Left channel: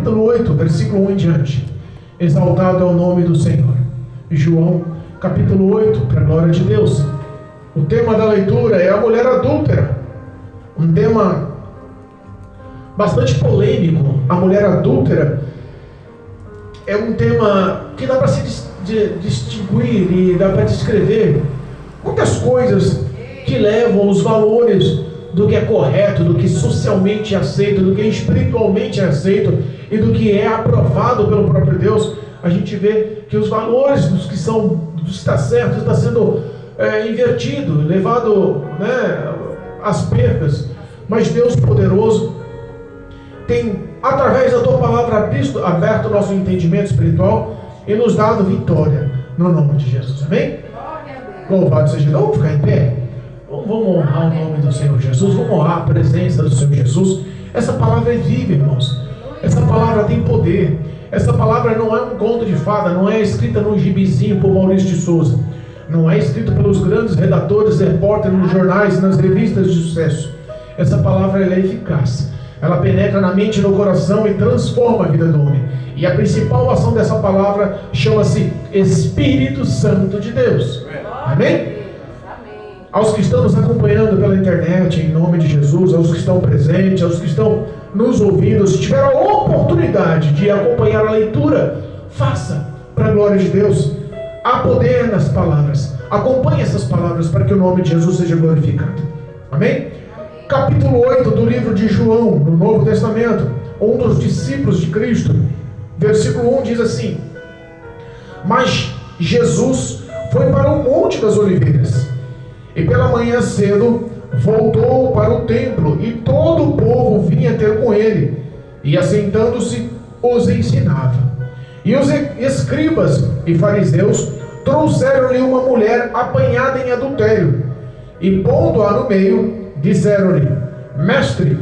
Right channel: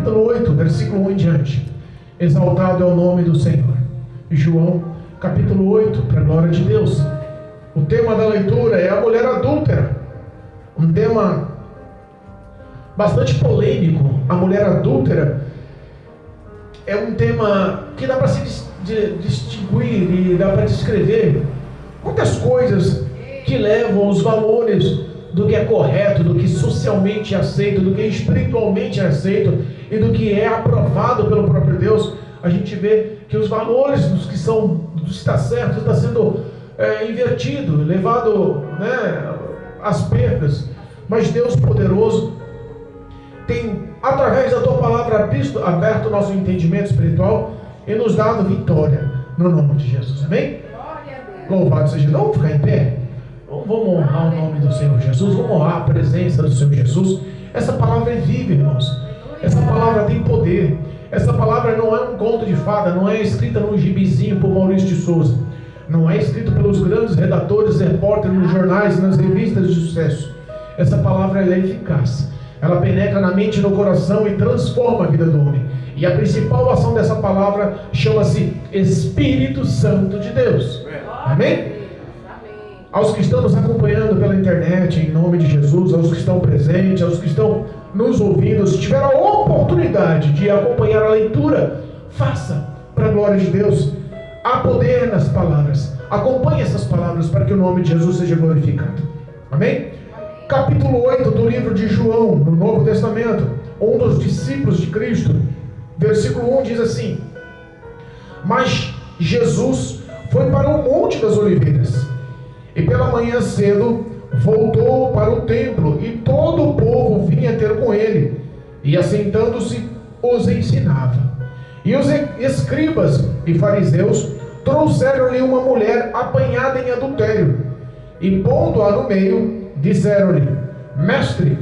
capítulo 8, versículo 1 em diante. Exaltado é o nome do Senhor. João, capítulo 8, para a glória de Deus. O tema da leitura é a mulher adúltera. Um tema bastante polêmico. A mulher adúltera é um tema que dá para se distinguir e dá para descrever muitas coisas que levam os valores do que é correto, do que socialmente é aceito, do que espiritualmente é aceito e do que é aprovado pelo próprio Deus. A gente vê que os valores dos que está certo está sendo invertido, levado, às percas. Mas Deus poderoso tem, através da tua palavra, aberto o nosso entendimento espiritual e nos dado vitória no nome de Jesus. Amém? Louvado seja Deus. Vamos ficar em pé? Vamos honrar o nome do Senhor Jesus, vamos honrar a presença do Senhor Jesus. Essa palavra é viva, irmãos. Essa palavra tem poder. Essa palavra não é um conto de fada, não é escrita num gibizinho por Maurício de Souza, não é escrita pelos grandes redatores, repórteres nos jornais e nas revistas de sucesso. Essa palavra é eficaz. Ela penetra na mente e no coração e transforma a vida do homem. E a principal ação dessa palavra chama-se Espírito Santo de Deus. Amém? Aos que estão nos acompanhando pela internet, em nome de Jesus, aos que estão presentes, aos que estão nos ouvindo, se tiver a oportunidade de acompanhar a leitura, faça, para a glória de Deus. Há poder nas palavras. Acompanhe essas palavras para que o nome de Jesus seja glorificado. Amém? Capítulo 8 do livro de João, no Novo Testamento, um dos discípulos de Cristo, versículo 1 diz assim: mas Jesus foi para o Monte das Oliveiras, e pela manhã cedo voltou para o templo, e todo o povo vinha ter com ele, e assentando-se os ensinava. E os escribas e fariseus trouxeram-lhe uma mulher apanhada em adultério, e pondo-a no meio, disseram-lhe: mestre,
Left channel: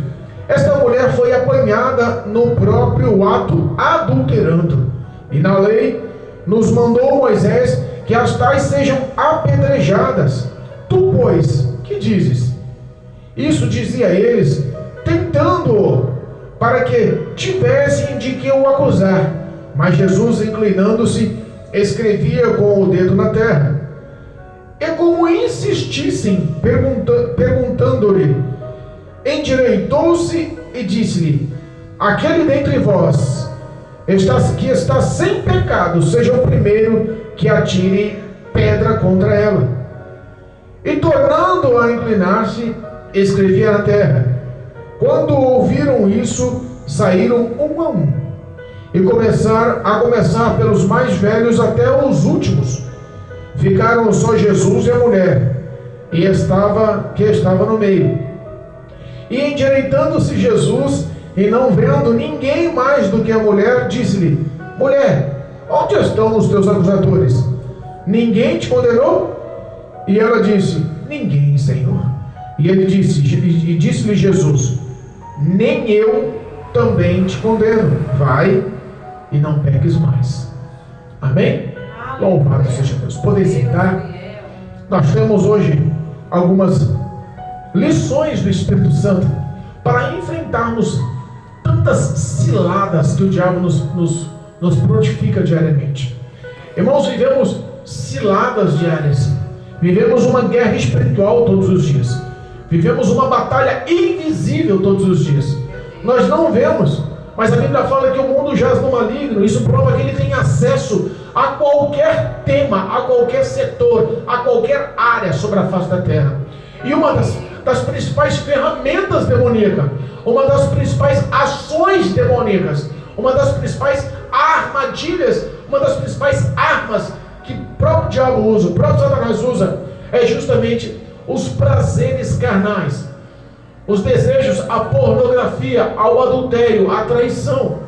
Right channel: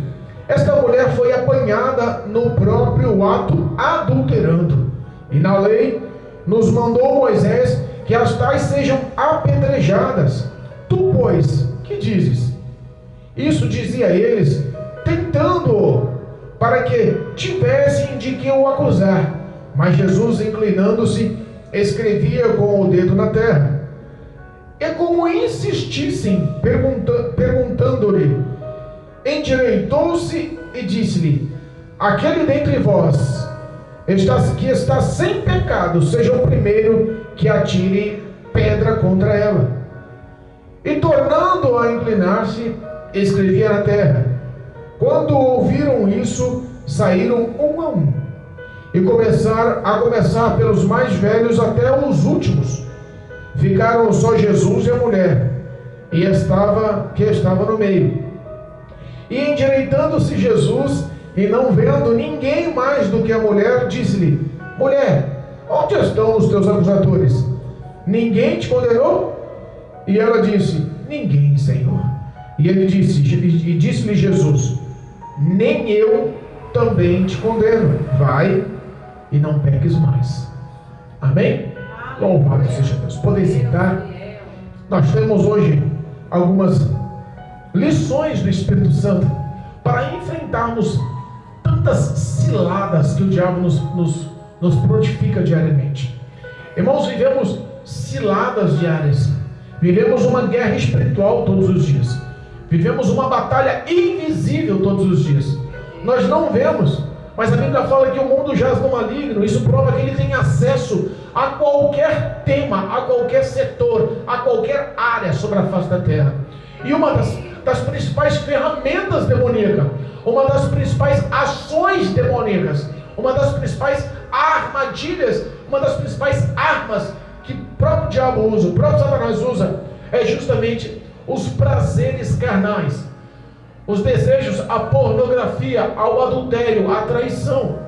esta mulher foi apanhada no próprio ato, adulterando, e na lei nos mandou Moisés que as tais sejam apedrejadas. Tu, pois, que dizes? Isso dizia eles, tentando-o, para que tivessem de que o acusar. Mas Jesus, inclinando-se, escrevia com o dedo na terra. E como insistissem, perguntando-lhe, endireitou-se e disse-lhe: aquele dentre vós que está sem pecado, seja o primeiro que atire pedra contra ela. E tornando a inclinar-se, escrevia na terra. Quando ouviram isso, saíram um a um, e começaram a começar pelos mais velhos até os últimos. Ficaram só Jesus e a mulher, que estava no meio. E endireitando-se Jesus, e não vendo ninguém mais do que a mulher, disse-lhe: mulher, onde estão os teus acusadores? Ninguém te condenou? E ela disse: ninguém, Senhor. E ele disse-lhe Jesus: nem eu também te condeno. Vai e não peques mais. Amém? Louvado seja Deus. Podem sentar. Nós temos hoje algumas lições do Espírito Santo para enfrentarmos tantas ciladas que o diabo nos prontifica diariamente. Irmãos, vivemos ciladas diárias. Vivemos uma guerra espiritual todos os dias. Vivemos uma batalha invisível todos os dias. Nós não vemos, mas a Bíblia fala que o mundo jaz no maligno. Isso prova que ele tem acesso a qualquer tema, a qualquer setor, a qualquer área sobre a face da terra. E uma das principais ferramentas demoníacas, uma das principais ações demoníacas, uma das principais armadilhas, uma das principais armas que o próprio diabo usa, o próprio Satanás usa, é justamente os prazeres carnais, os desejos, a pornografia, ao adultério, à traição,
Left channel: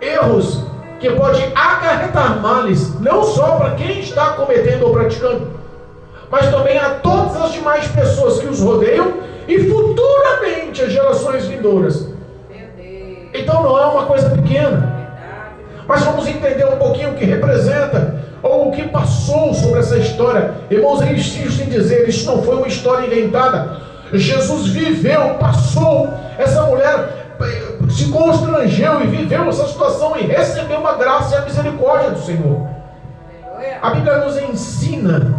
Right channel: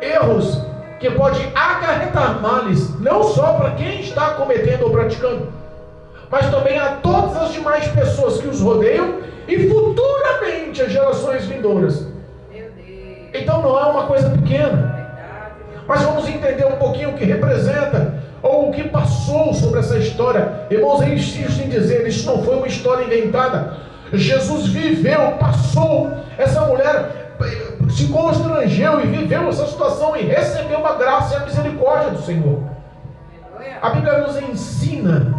erros que podem acarretar males, não só para quem está cometendo ou praticando, mas também a todas as demais pessoas que os rodeiam e futuramente as gerações vindouras. Então não é uma coisa pequena, mas vamos entender um pouquinho o que representa ou o que passou sobre essa história. Irmãos, eu insisto em dizer, isso não foi uma história inventada. Jesus viveu, passou, essa mulher se constrangeu e viveu essa situação e recebeu a graça e a misericórdia do Senhor. A Bíblia nos ensina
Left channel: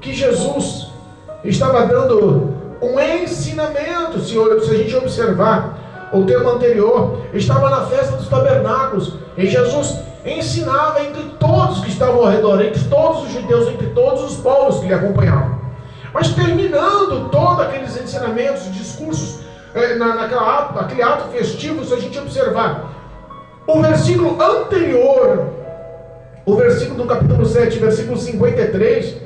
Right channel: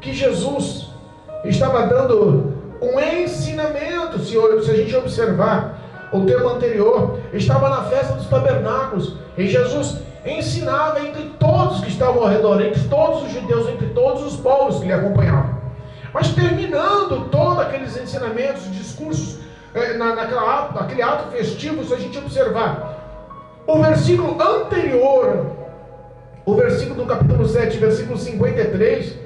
que Jesus estava dando um ensinamento. Se a gente observar o tema anterior, estava na festa dos tabernáculos, e Jesus ensinava entre todos que estavam ao redor, entre todos os judeus, entre todos os povos que lhe acompanhavam. Mas terminando todos aqueles ensinamentos, discursos, naquele ato festivo, se a gente observar o versículo anterior, o versículo do capítulo 7, versículo 53,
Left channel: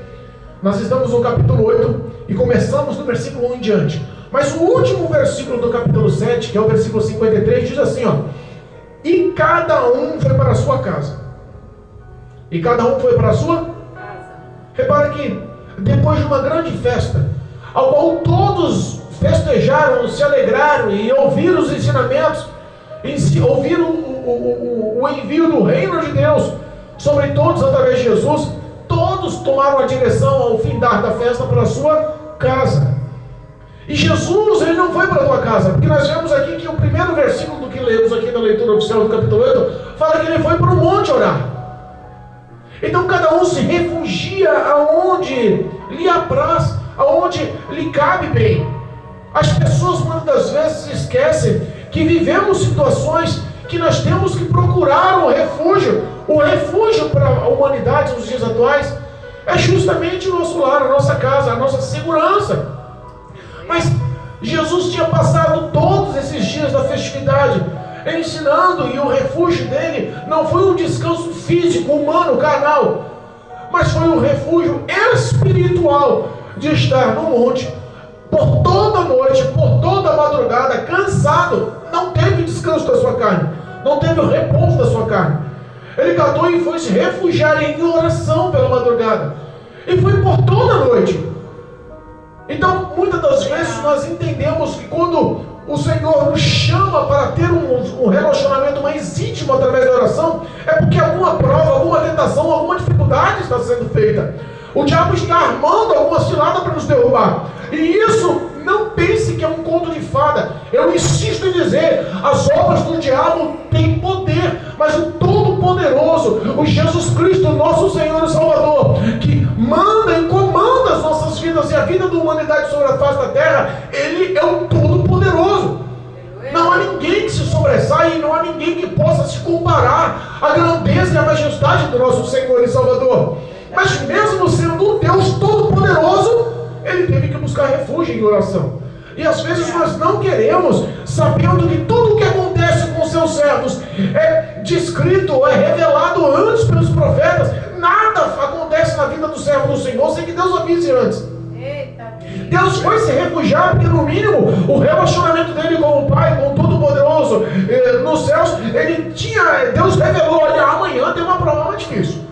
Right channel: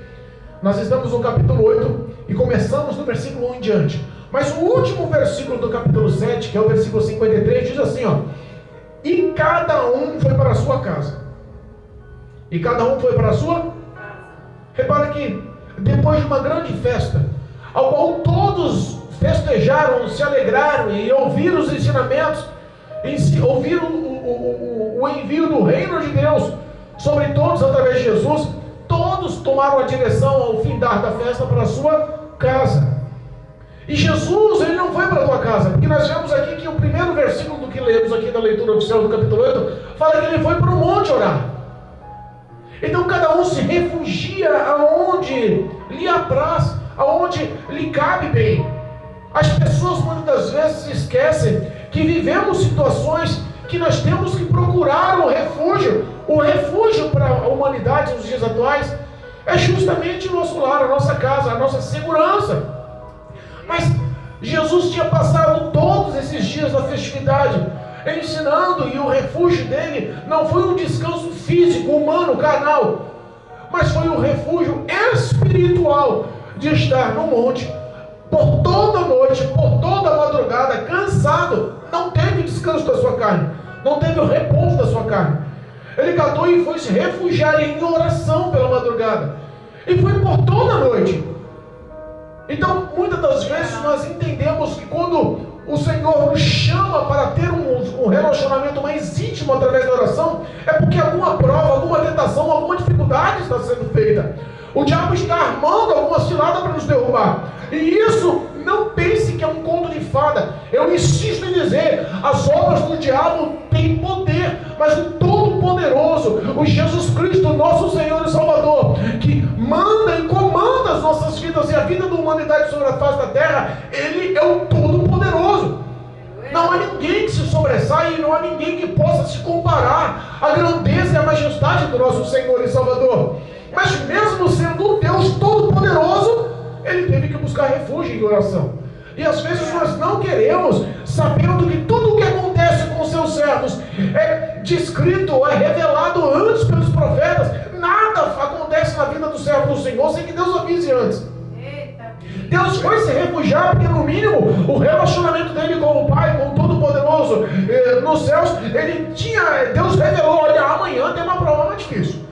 nós estamos no capítulo 8 e começamos no versículo 1 em diante. Mas o último versículo do capítulo 7, que é o versículo 53, diz assim, ó: e cada um foi para a sua casa. E cada um foi para a sua casa. Repara que depois de uma grande festa, ao qual todos festejaram, se alegraram e ouviram os ensinamentos, ouviram o envio do reino de Deus sobre todos através de Jesus, todos tomaram a direção ao findar da festa para a sua casa. E Jesus, ele não foi para a tua casa, porque nós vemos aqui que o primeiro versículo do que lemos aqui na leitura oficial do capítulo 8, fala que ele foi para o monte orar. Então cada um se refugia aonde lhe apraz, aonde lhe cabe bem. As pessoas muitas vezes se esquecem que vivemos situações que nós temos que procurar um refúgio. O refúgio para a humanidade nos dias atuais é justamente o nosso lar, a nossa casa, a nossa segurança. Mas Jesus tinha passado todos esses dias da festividade ensinando, e o refúgio dele não foi um descanso físico, humano, carnal, mas foi um refúgio espiritual de estar no monte por toda a noite, por toda a madrugada, cansado. Não teve descanso da sua carne, não teve o repouso da sua carne. Ele catou e foi se refugiar em oração pela madrugada, e foi por toda a noite. Então, muitas das vezes nós entendemos que quando o Senhor nos chama para ter um relacionamento mais íntimo através da oração, é porque alguma prova, alguma tentação, alguma dificuldade está sendo feita. O diabo está armando alguma cilada para nos derrubar. E isso, não pense que é um conto de fada. Eu insisto em dizer, as obras do diabo têm poder, mas o Todo-Poderoso, o Jesus Cristo, nosso Senhor e Salvador, que manda e comanda as nossas vidas e a vida da humanidade sobre a face da terra, Ele é o Todo-Poderoso. Não há ninguém que se sobressaia e não há ninguém que possa se comparar à grandeza e à majestade do nosso Senhor e Salvador. Mas mesmo sendo o Deus Todo-Poderoso, Ele teve que buscar refúgio em oração. E às vezes nós não queremos, sabendo que tudo o que acontece com seus servos é descrito, é revelado antes pelos profetas. Nada acontece na vida do servo do Senhor sem que Deus avise antes. Deus foi se refugiar, porque no mínimo o relacionamento dele com o Pai, com o Todo-Poderoso, nos céus, Deus revelou: olha, amanhã tem uma prova mais difícil.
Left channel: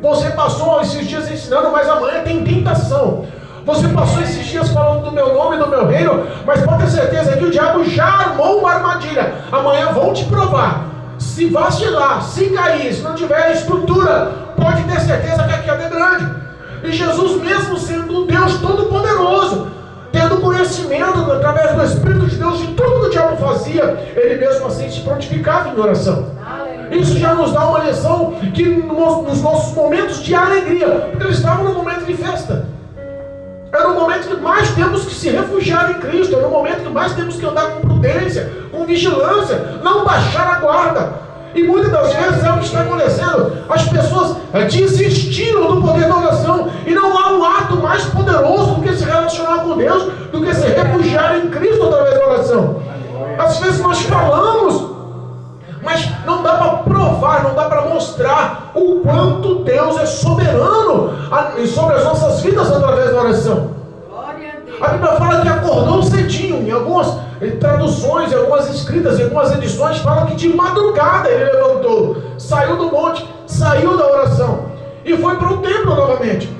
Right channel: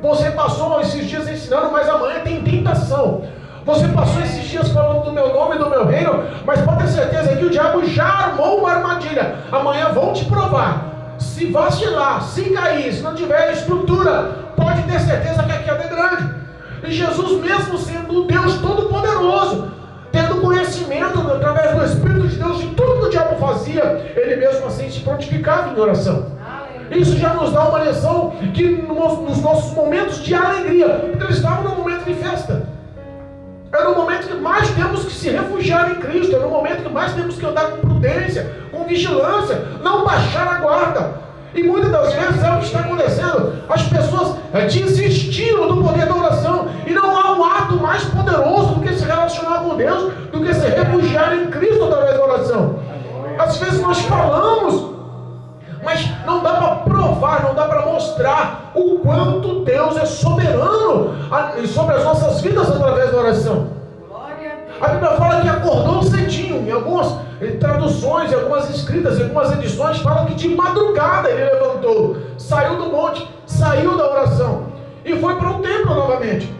Você passou esses dias ensinando, mas amanhã tem tentação. Você passou esses dias falando do meu nome, do meu reino, mas pode ter certeza que o diabo já armou uma armadilha. Amanhã vão te provar. Se vacilar, se cair, se não tiver estrutura, pode ter certeza que a queda é grande. E Jesus, mesmo sendo um Deus Todo-Poderoso, tendo conhecimento através do Espírito de Deus de tudo que o diabo fazia, Ele mesmo assim se prontificava em oração. Isso já nos dá uma lição que nos nossos momentos de alegria, porque eles estavam num momento de festa, era o momento que mais temos que se refugiar em Cristo, era o momento que mais temos que andar com prudência, com vigilância, não baixar a guarda. E muitas das vezes é o que está acontecendo. As pessoas desistiram do poder da oração, e não há um ato mais poderoso do que se relacionar com Deus, do que se refugiar em Cristo através da oração. Às vezes nós falamos, mas não dá para provar, não dá para mostrar o quanto Deus é soberano sobre as nossas vidas através da oração. A Bíblia fala que acordou cedinho. Em algumas traduções, em algumas escritas, em algumas edições, fala que de madrugada ele levantou, saiu do monte, saiu da oração e foi para o templo novamente.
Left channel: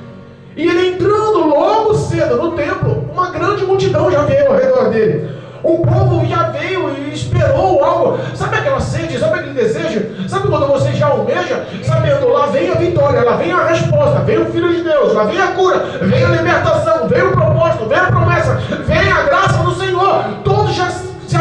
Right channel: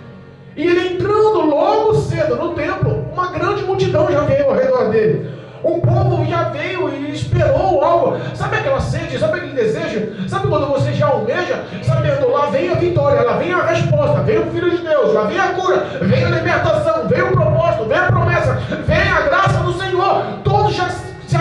E ele entrando logo cedo no templo, uma grande multidão já veio ao redor dele. O povo já veio e esperou algo. Sabe aquela sede, sabe aquele desejo? Sabe quando você já almeja, sabendo, lá vem a vitória, lá vem a resposta, vem o Filho de Deus, lá vem a cura, vem a libertação, vem o propósito, vem a promessa, vem a graça do Senhor. Todos já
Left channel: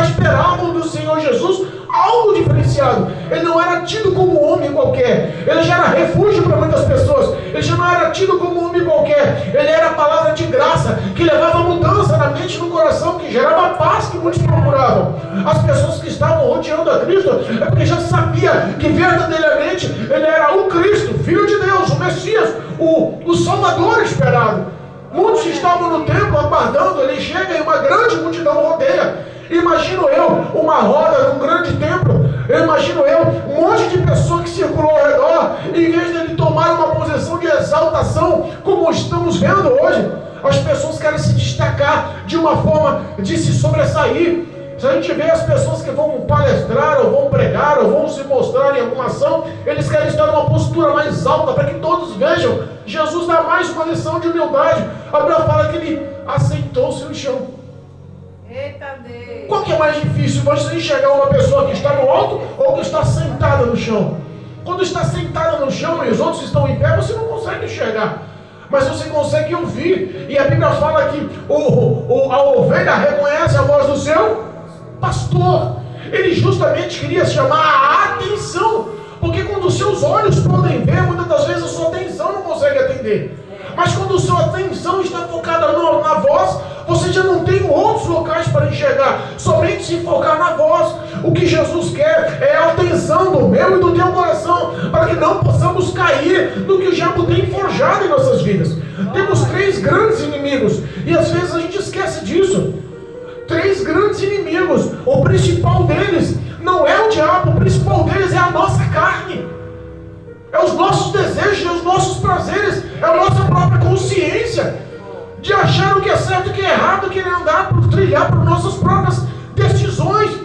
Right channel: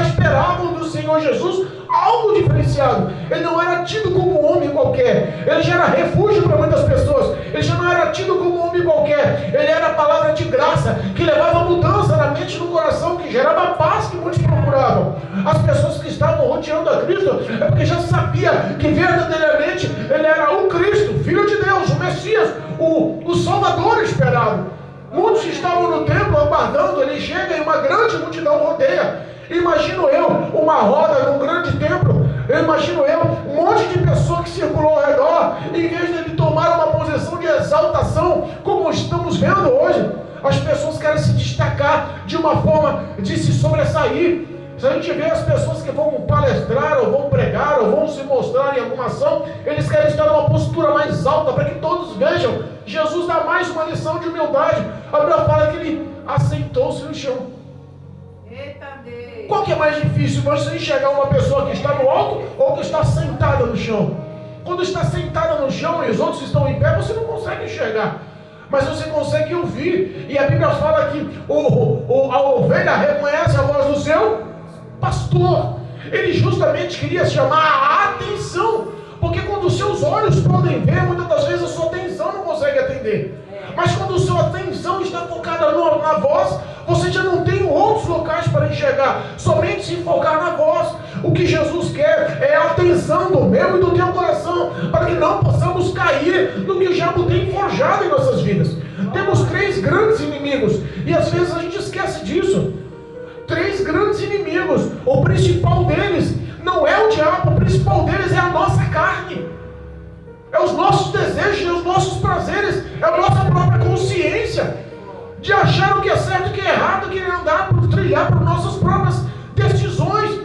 esperavam do Senhor Jesus algo diferenciado. transformado. Ele não era tido como um homem qualquer. Ele já era refúgio para muitas pessoas. Ele já não era tido como um homem qualquer. Ele era a palavra de graça, que levava mudança na mente e no coração, que gerava paz que muitos procuravam. As pessoas que estavam rodeando a Cristo é porque já sabia que verdadeiramente ele era o Cristo, Filho de Deus, o Messias, o Salvador esperado. Muitos estavam no templo aguardando, ele chega e uma grande multidão rodeia. Imagino eu uma roda num grande templo. Imagino eu um monte de pessoas que circulou ao redor. Em vez dele tomar uma posição de exaltação, como estamos vendo hoje, as pessoas querem se destacar de uma forma de se sobressair. Se a gente vê as pessoas que vão palestrar, ou vão pregar, ou vão se mostrar em alguma ação, eles querem estar numa postura mais alta, para que todos vejam. Jesus dá mais uma lição de humildade. Abraão fala que ele aceitou-se no chão. Eita Deus. Qual que é mais difícil? Você enxergar uma pessoa que está no alto ou que está sentada no chão? Quando está sentada no chão e os outros estão em pé, você não consegue enxergar, mas você consegue ouvir. E a Bíblia fala que a ovelha reconhece a voz do seu pastor. Ele justamente queria chamar a atenção, porque quando os seus olhos podem ver, muitas das vezes a sua atenção não consegue atender. Mas quando a sua atenção está focada na voz, você já não tem outros locais para enxergar, somente se focar na voz. O que Jesus quer é a atenção do meu e do teu coração, para que não possamos cair do que o diabo tem forjado em nossas vidas. Temos 3 grandes inimigos, e às vezes a gente esquece disso. 3 grandes inimigos. O principal deles não é o diabo, o principal deles é a nossa carne. É os nossos desejos, é os nossos prazeres, é a nossa própria consciência de achar o que é certo e o que é errado, querer andar por trilhar por nossas próprias decisões.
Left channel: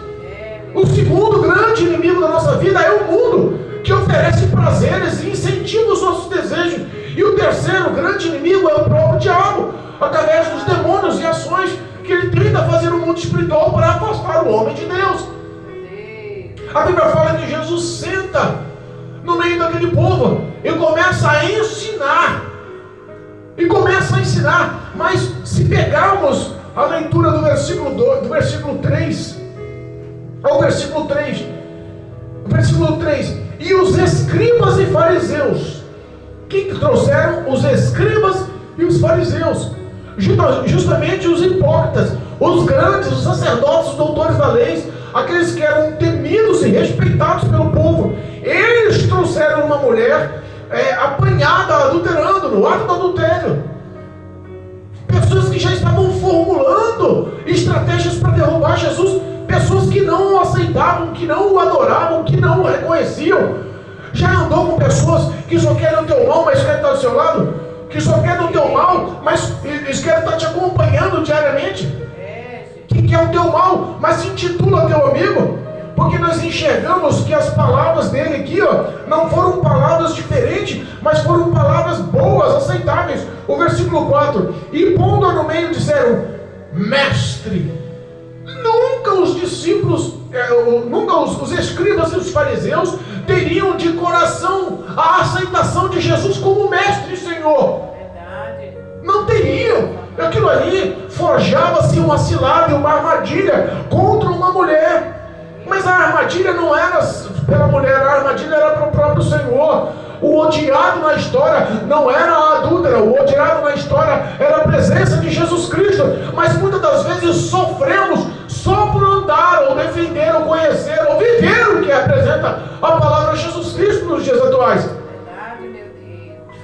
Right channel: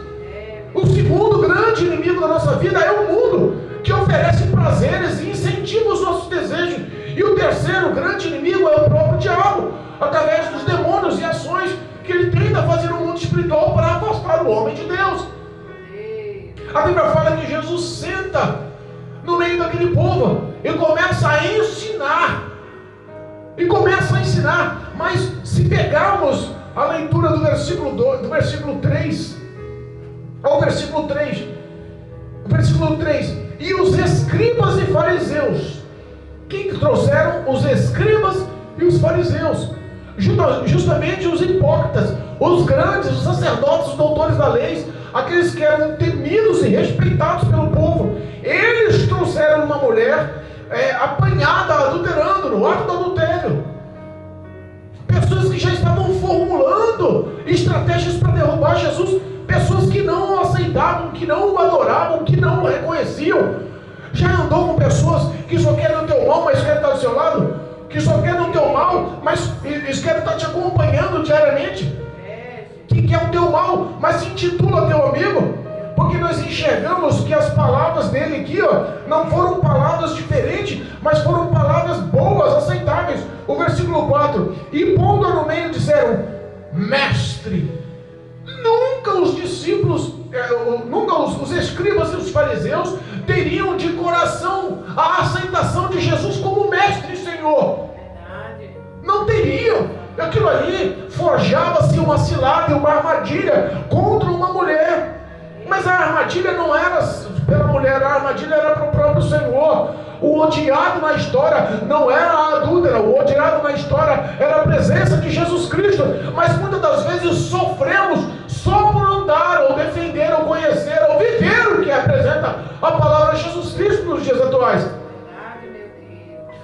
O segundo grande inimigo da nossa vida é o mundo, que oferece prazeres e incentiva os nossos desejos. E o terceiro grande inimigo é o próprio diabo, através dos demônios e ações que ele tenta fazer no mundo espiritual para afastar o homem de Deus. A Bíblia fala que Jesus senta no meio daquele povo e começa a ensinar. Mas se pegarmos a leitura do versículo 3 ao versículo 3, e os escribas e fariseus, quem trouxeram? Os escribas e os fariseus, justamente os hipócritas, os grandes, os sacerdotes, os doutores da lei, aqueles que eram temidos e respeitados pelo povo. Eles trouxeram uma mulher apanhada, adulterando, no ato do adultério. Pessoas que já estavam formulando estratégias para derrubar Jesus. Pessoas que não o aceitavam, que não o adoravam, que não o reconheciam. Já andou com pessoas que só querem o teu mal, mas querem estar do seu lado? Que só querem o teu mal, mas eles querem estar te acompanhando diariamente. Que quer o teu mal, mas se intitula teu amigo. Porque nós enxergamos que as palavras dele aqui, não foram palavras diferentes, mas foram palavras boas, aceitáveis. O versículo 4: e pondo-a no meio disseram: mestre. Nunca os discípulos, nunca os escribas e os fariseus teriam de coração a aceitação de Jesus como mestre e Senhor. Verdade. Não teriam. Aquilo ali forjava-se uma cilada, uma armadilha contra uma mulher. Mas a armadilha não era pela mulher, a armadilha era para o próprio Senhor. O odiado na história não era a adúltera, o odiado na história era a presença de Jesus Cristo. Mas muitas das vezes sofremos só por andar, ou defender, ou conhecer, ou viver o que apresenta a palavra de Jesus Cristo nos dias atuais. Verdade, meu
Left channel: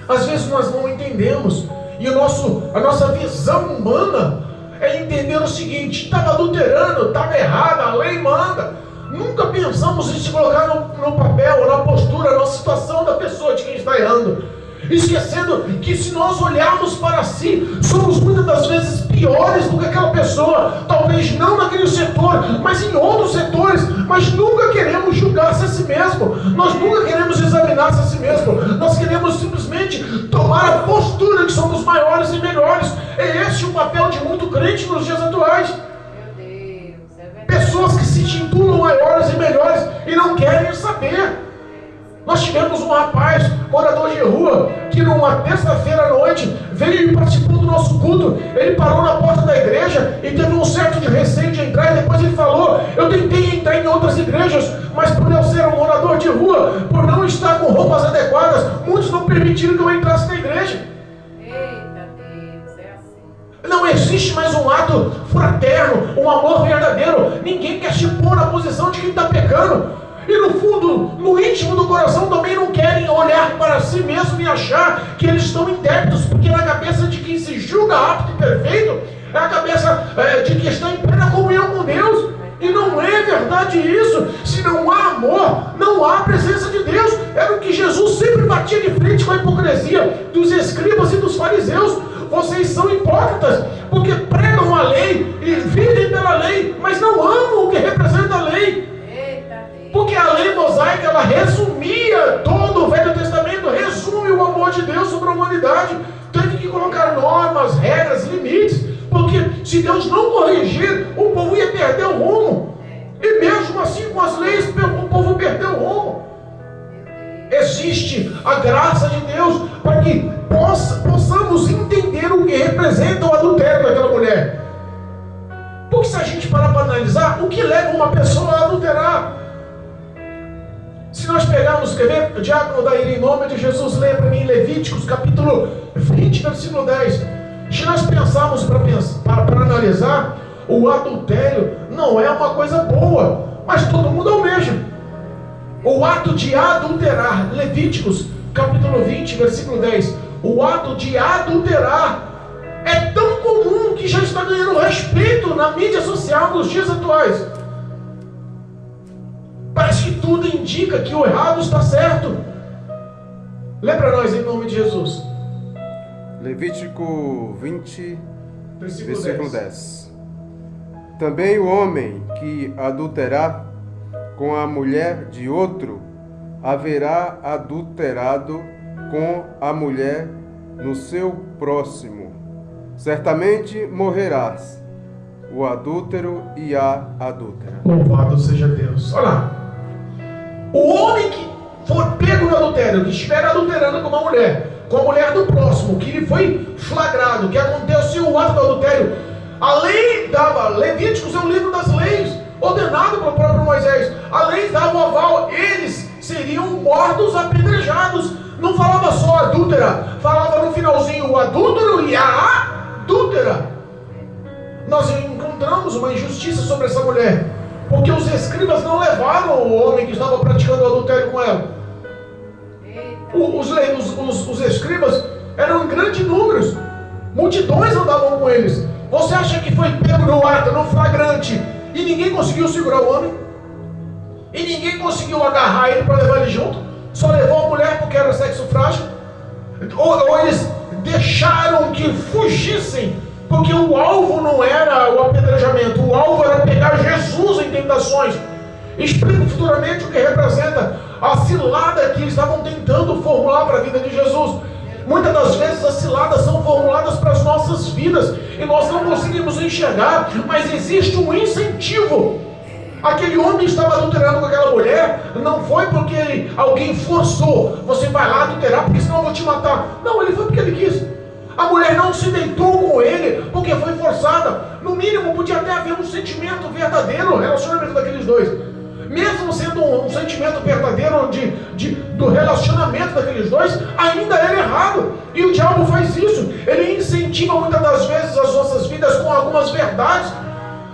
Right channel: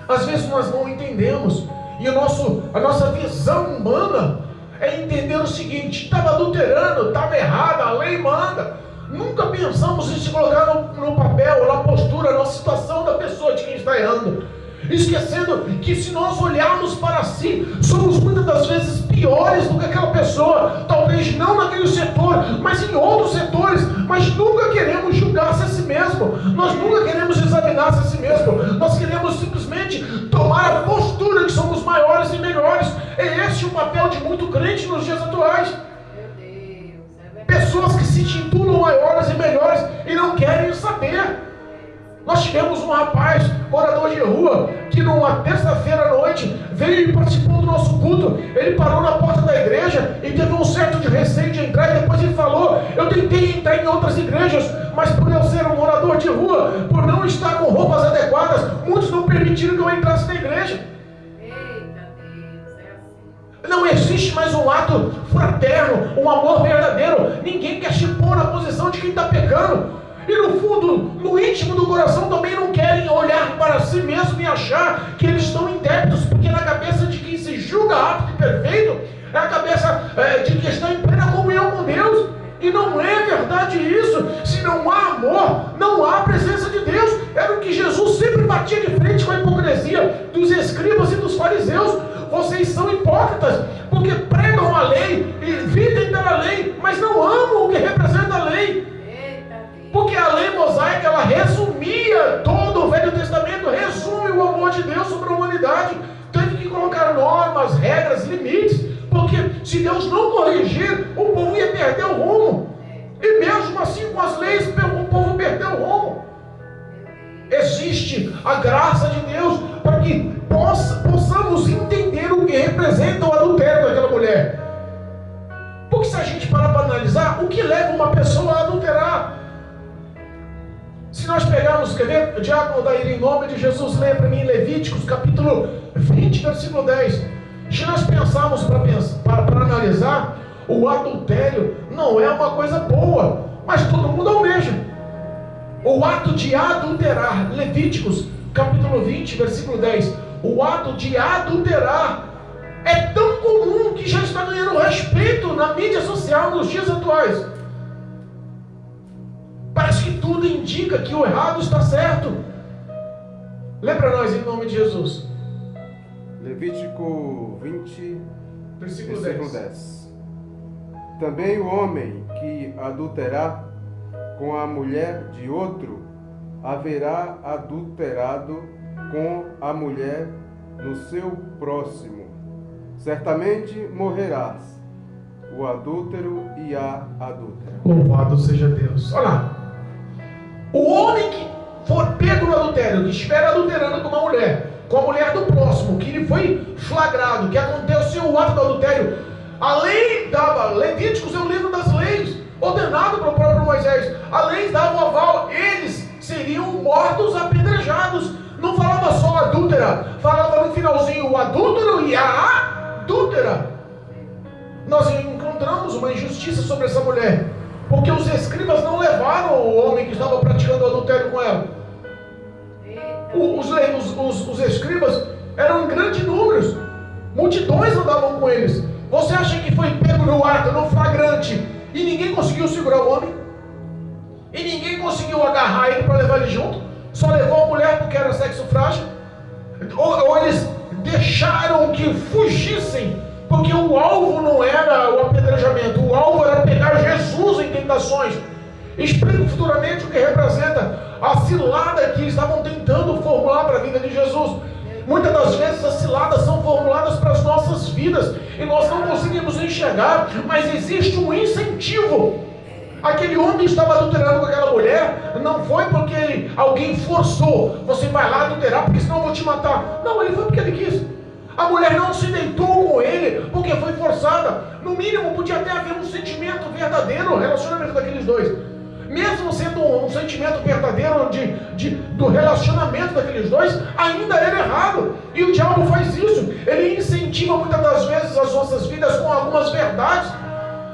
Deus. Às vezes nós não entendemos, e a nossa visão humana é entender o seguinte: estava adulterando, estava errado, a lei manda. Nunca pensamos em se colocar no papel, na postura, na situação da pessoa de quem está errando. Esquecendo que se nós olharmos para si, somos muitas das vezes piores do que aquela pessoa. Talvez não naquele setor, mas em outros setores. Mas nunca queremos julgar-se a si mesmo. Nós nunca queremos examinar-se a si mesmo. Nós queremos simplesmente tomar a postura que somos maiores e melhores. É esse o papel de muito crente nos dias atuais. Pessoas que se intitulam maiores e melhores e não querem saber. Nós tivemos um rapaz, morador de rua, que numa terça-feira à noite veio e participou do nosso culto. Ele parou na porta da igreja e teve um certo de receio de entrar, e depois ele falou: eu tentei entrar em outras igrejas, mas por eu ser um morador de rua, por não estar com roupas adequadas. Muitos não permitiram que eu entrasse na igreja. Eita Deus, é assim. Não existe mais um ato fraterno, um amor verdadeiro. Ninguém quer se pôr na posição de quem está pecando. E no fundo, no íntimo do coração, também não querem olhar para si mesmo e achar que eles estão indébitos, porque na cabeça de quem se julga apto e perfeito, é a cabeça de quem está em plena comunhão com Deus. E não é verdade isso. Se não há amor, não há presença de Deus. Era o que Jesus sempre batia de frente com a hipocrisia dos escribas e dos fariseus. Vocês são hipócritas, porque pregam a lei e vivem pela lei, mas não amam o que representa a lei. Porque a lei mosaica, ela resumia todo o Velho Testamento, resume o amor de Deus sobre a humanidade. Teve que colocar normas, regras, limites, porque se Deus não corrigir, o povo ia perder o rumo. E mesmo assim, com as leis, o povo perdeu o rumo. Existe a graça de Deus para que possamos entender o que representa o adultério daquela mulher. Porque se a gente parar para analisar, o que leva uma pessoa a adulterar? Se nós pegarmos, quer ver? O diácono Daíra, em nome de Jesus, leia para mim Levíticos, capítulo 20, versículo 10. Se nós pensarmos para analisar, o adultério não é uma coisa boa, mas todo mundo almeja. O ato de adulterar, Levíticos, capítulo 20, versículo 10. O ato de adulterar é tão comum que já está ganhando respeito na mídia social nos dias atuais. Parece que tudo indica que o errado está certo. Lê para nós em nome de Jesus. Levítico 20, Versículo 10. Também o homem que adulterar com a mulher de outro haverá adulterado com a mulher no seu próximo. Certamente morrerás, o adúltero e a adúltera. Louvado seja Deus. Olha lá. O homem que for pego no adultério, que estiver adulterando com uma mulher, com a mulher do próximo, que lhe foi flagrado, que aconteceu o ato do adultério, a lei dava, Levíticos é um livro das leis, ordenado pelo próprio Moisés, a lei dava o aval, eles seriam mortos apedrejados. Não falava só adúltera, falava no finalzinho o adúltero e a adúltera. Nós encontramos uma injustiça sobre essa mulher, porque os escribas não levaram o homem que estava praticando o adultério com ela. Os escribas eram em grandes números, multidões andavam com eles. Você acha que foi pego no ato, no flagrante, e ninguém conseguiu segurar o homem? E ninguém conseguiu agarrar ele para levar ele junto? Só levou a mulher porque era sexo frágil? Ou eles deixaram que fugissem, porque o alvo não era o apedrejamento, o alvo era pegar Jesus em tentações. Explico futuramente o que representa a cilada que estavam tentando formular para a vida de Jesus. Muitas das vezes as ciladas são formuladas para as nossas vidas e nós não conseguimos enxergar, mas existe um incentivo. Aquele homem estava adulterando com aquela mulher, não foi porque alguém forçou, você vai lá adulterar porque senão eu vou te matar. Não, ele foi porque ele quis. A mulher não se deitou com ele porque foi forçada. No mínimo podia até haver um sentimento verdadeiro no relacionamento daqueles dois. Mesmo sendo um sentimento verdadeiro do relacionamento daqueles dois, ainda era errado. E o diabo faz isso. Ele incentiva muitas das vezes as nossas vidas com algumas verdades.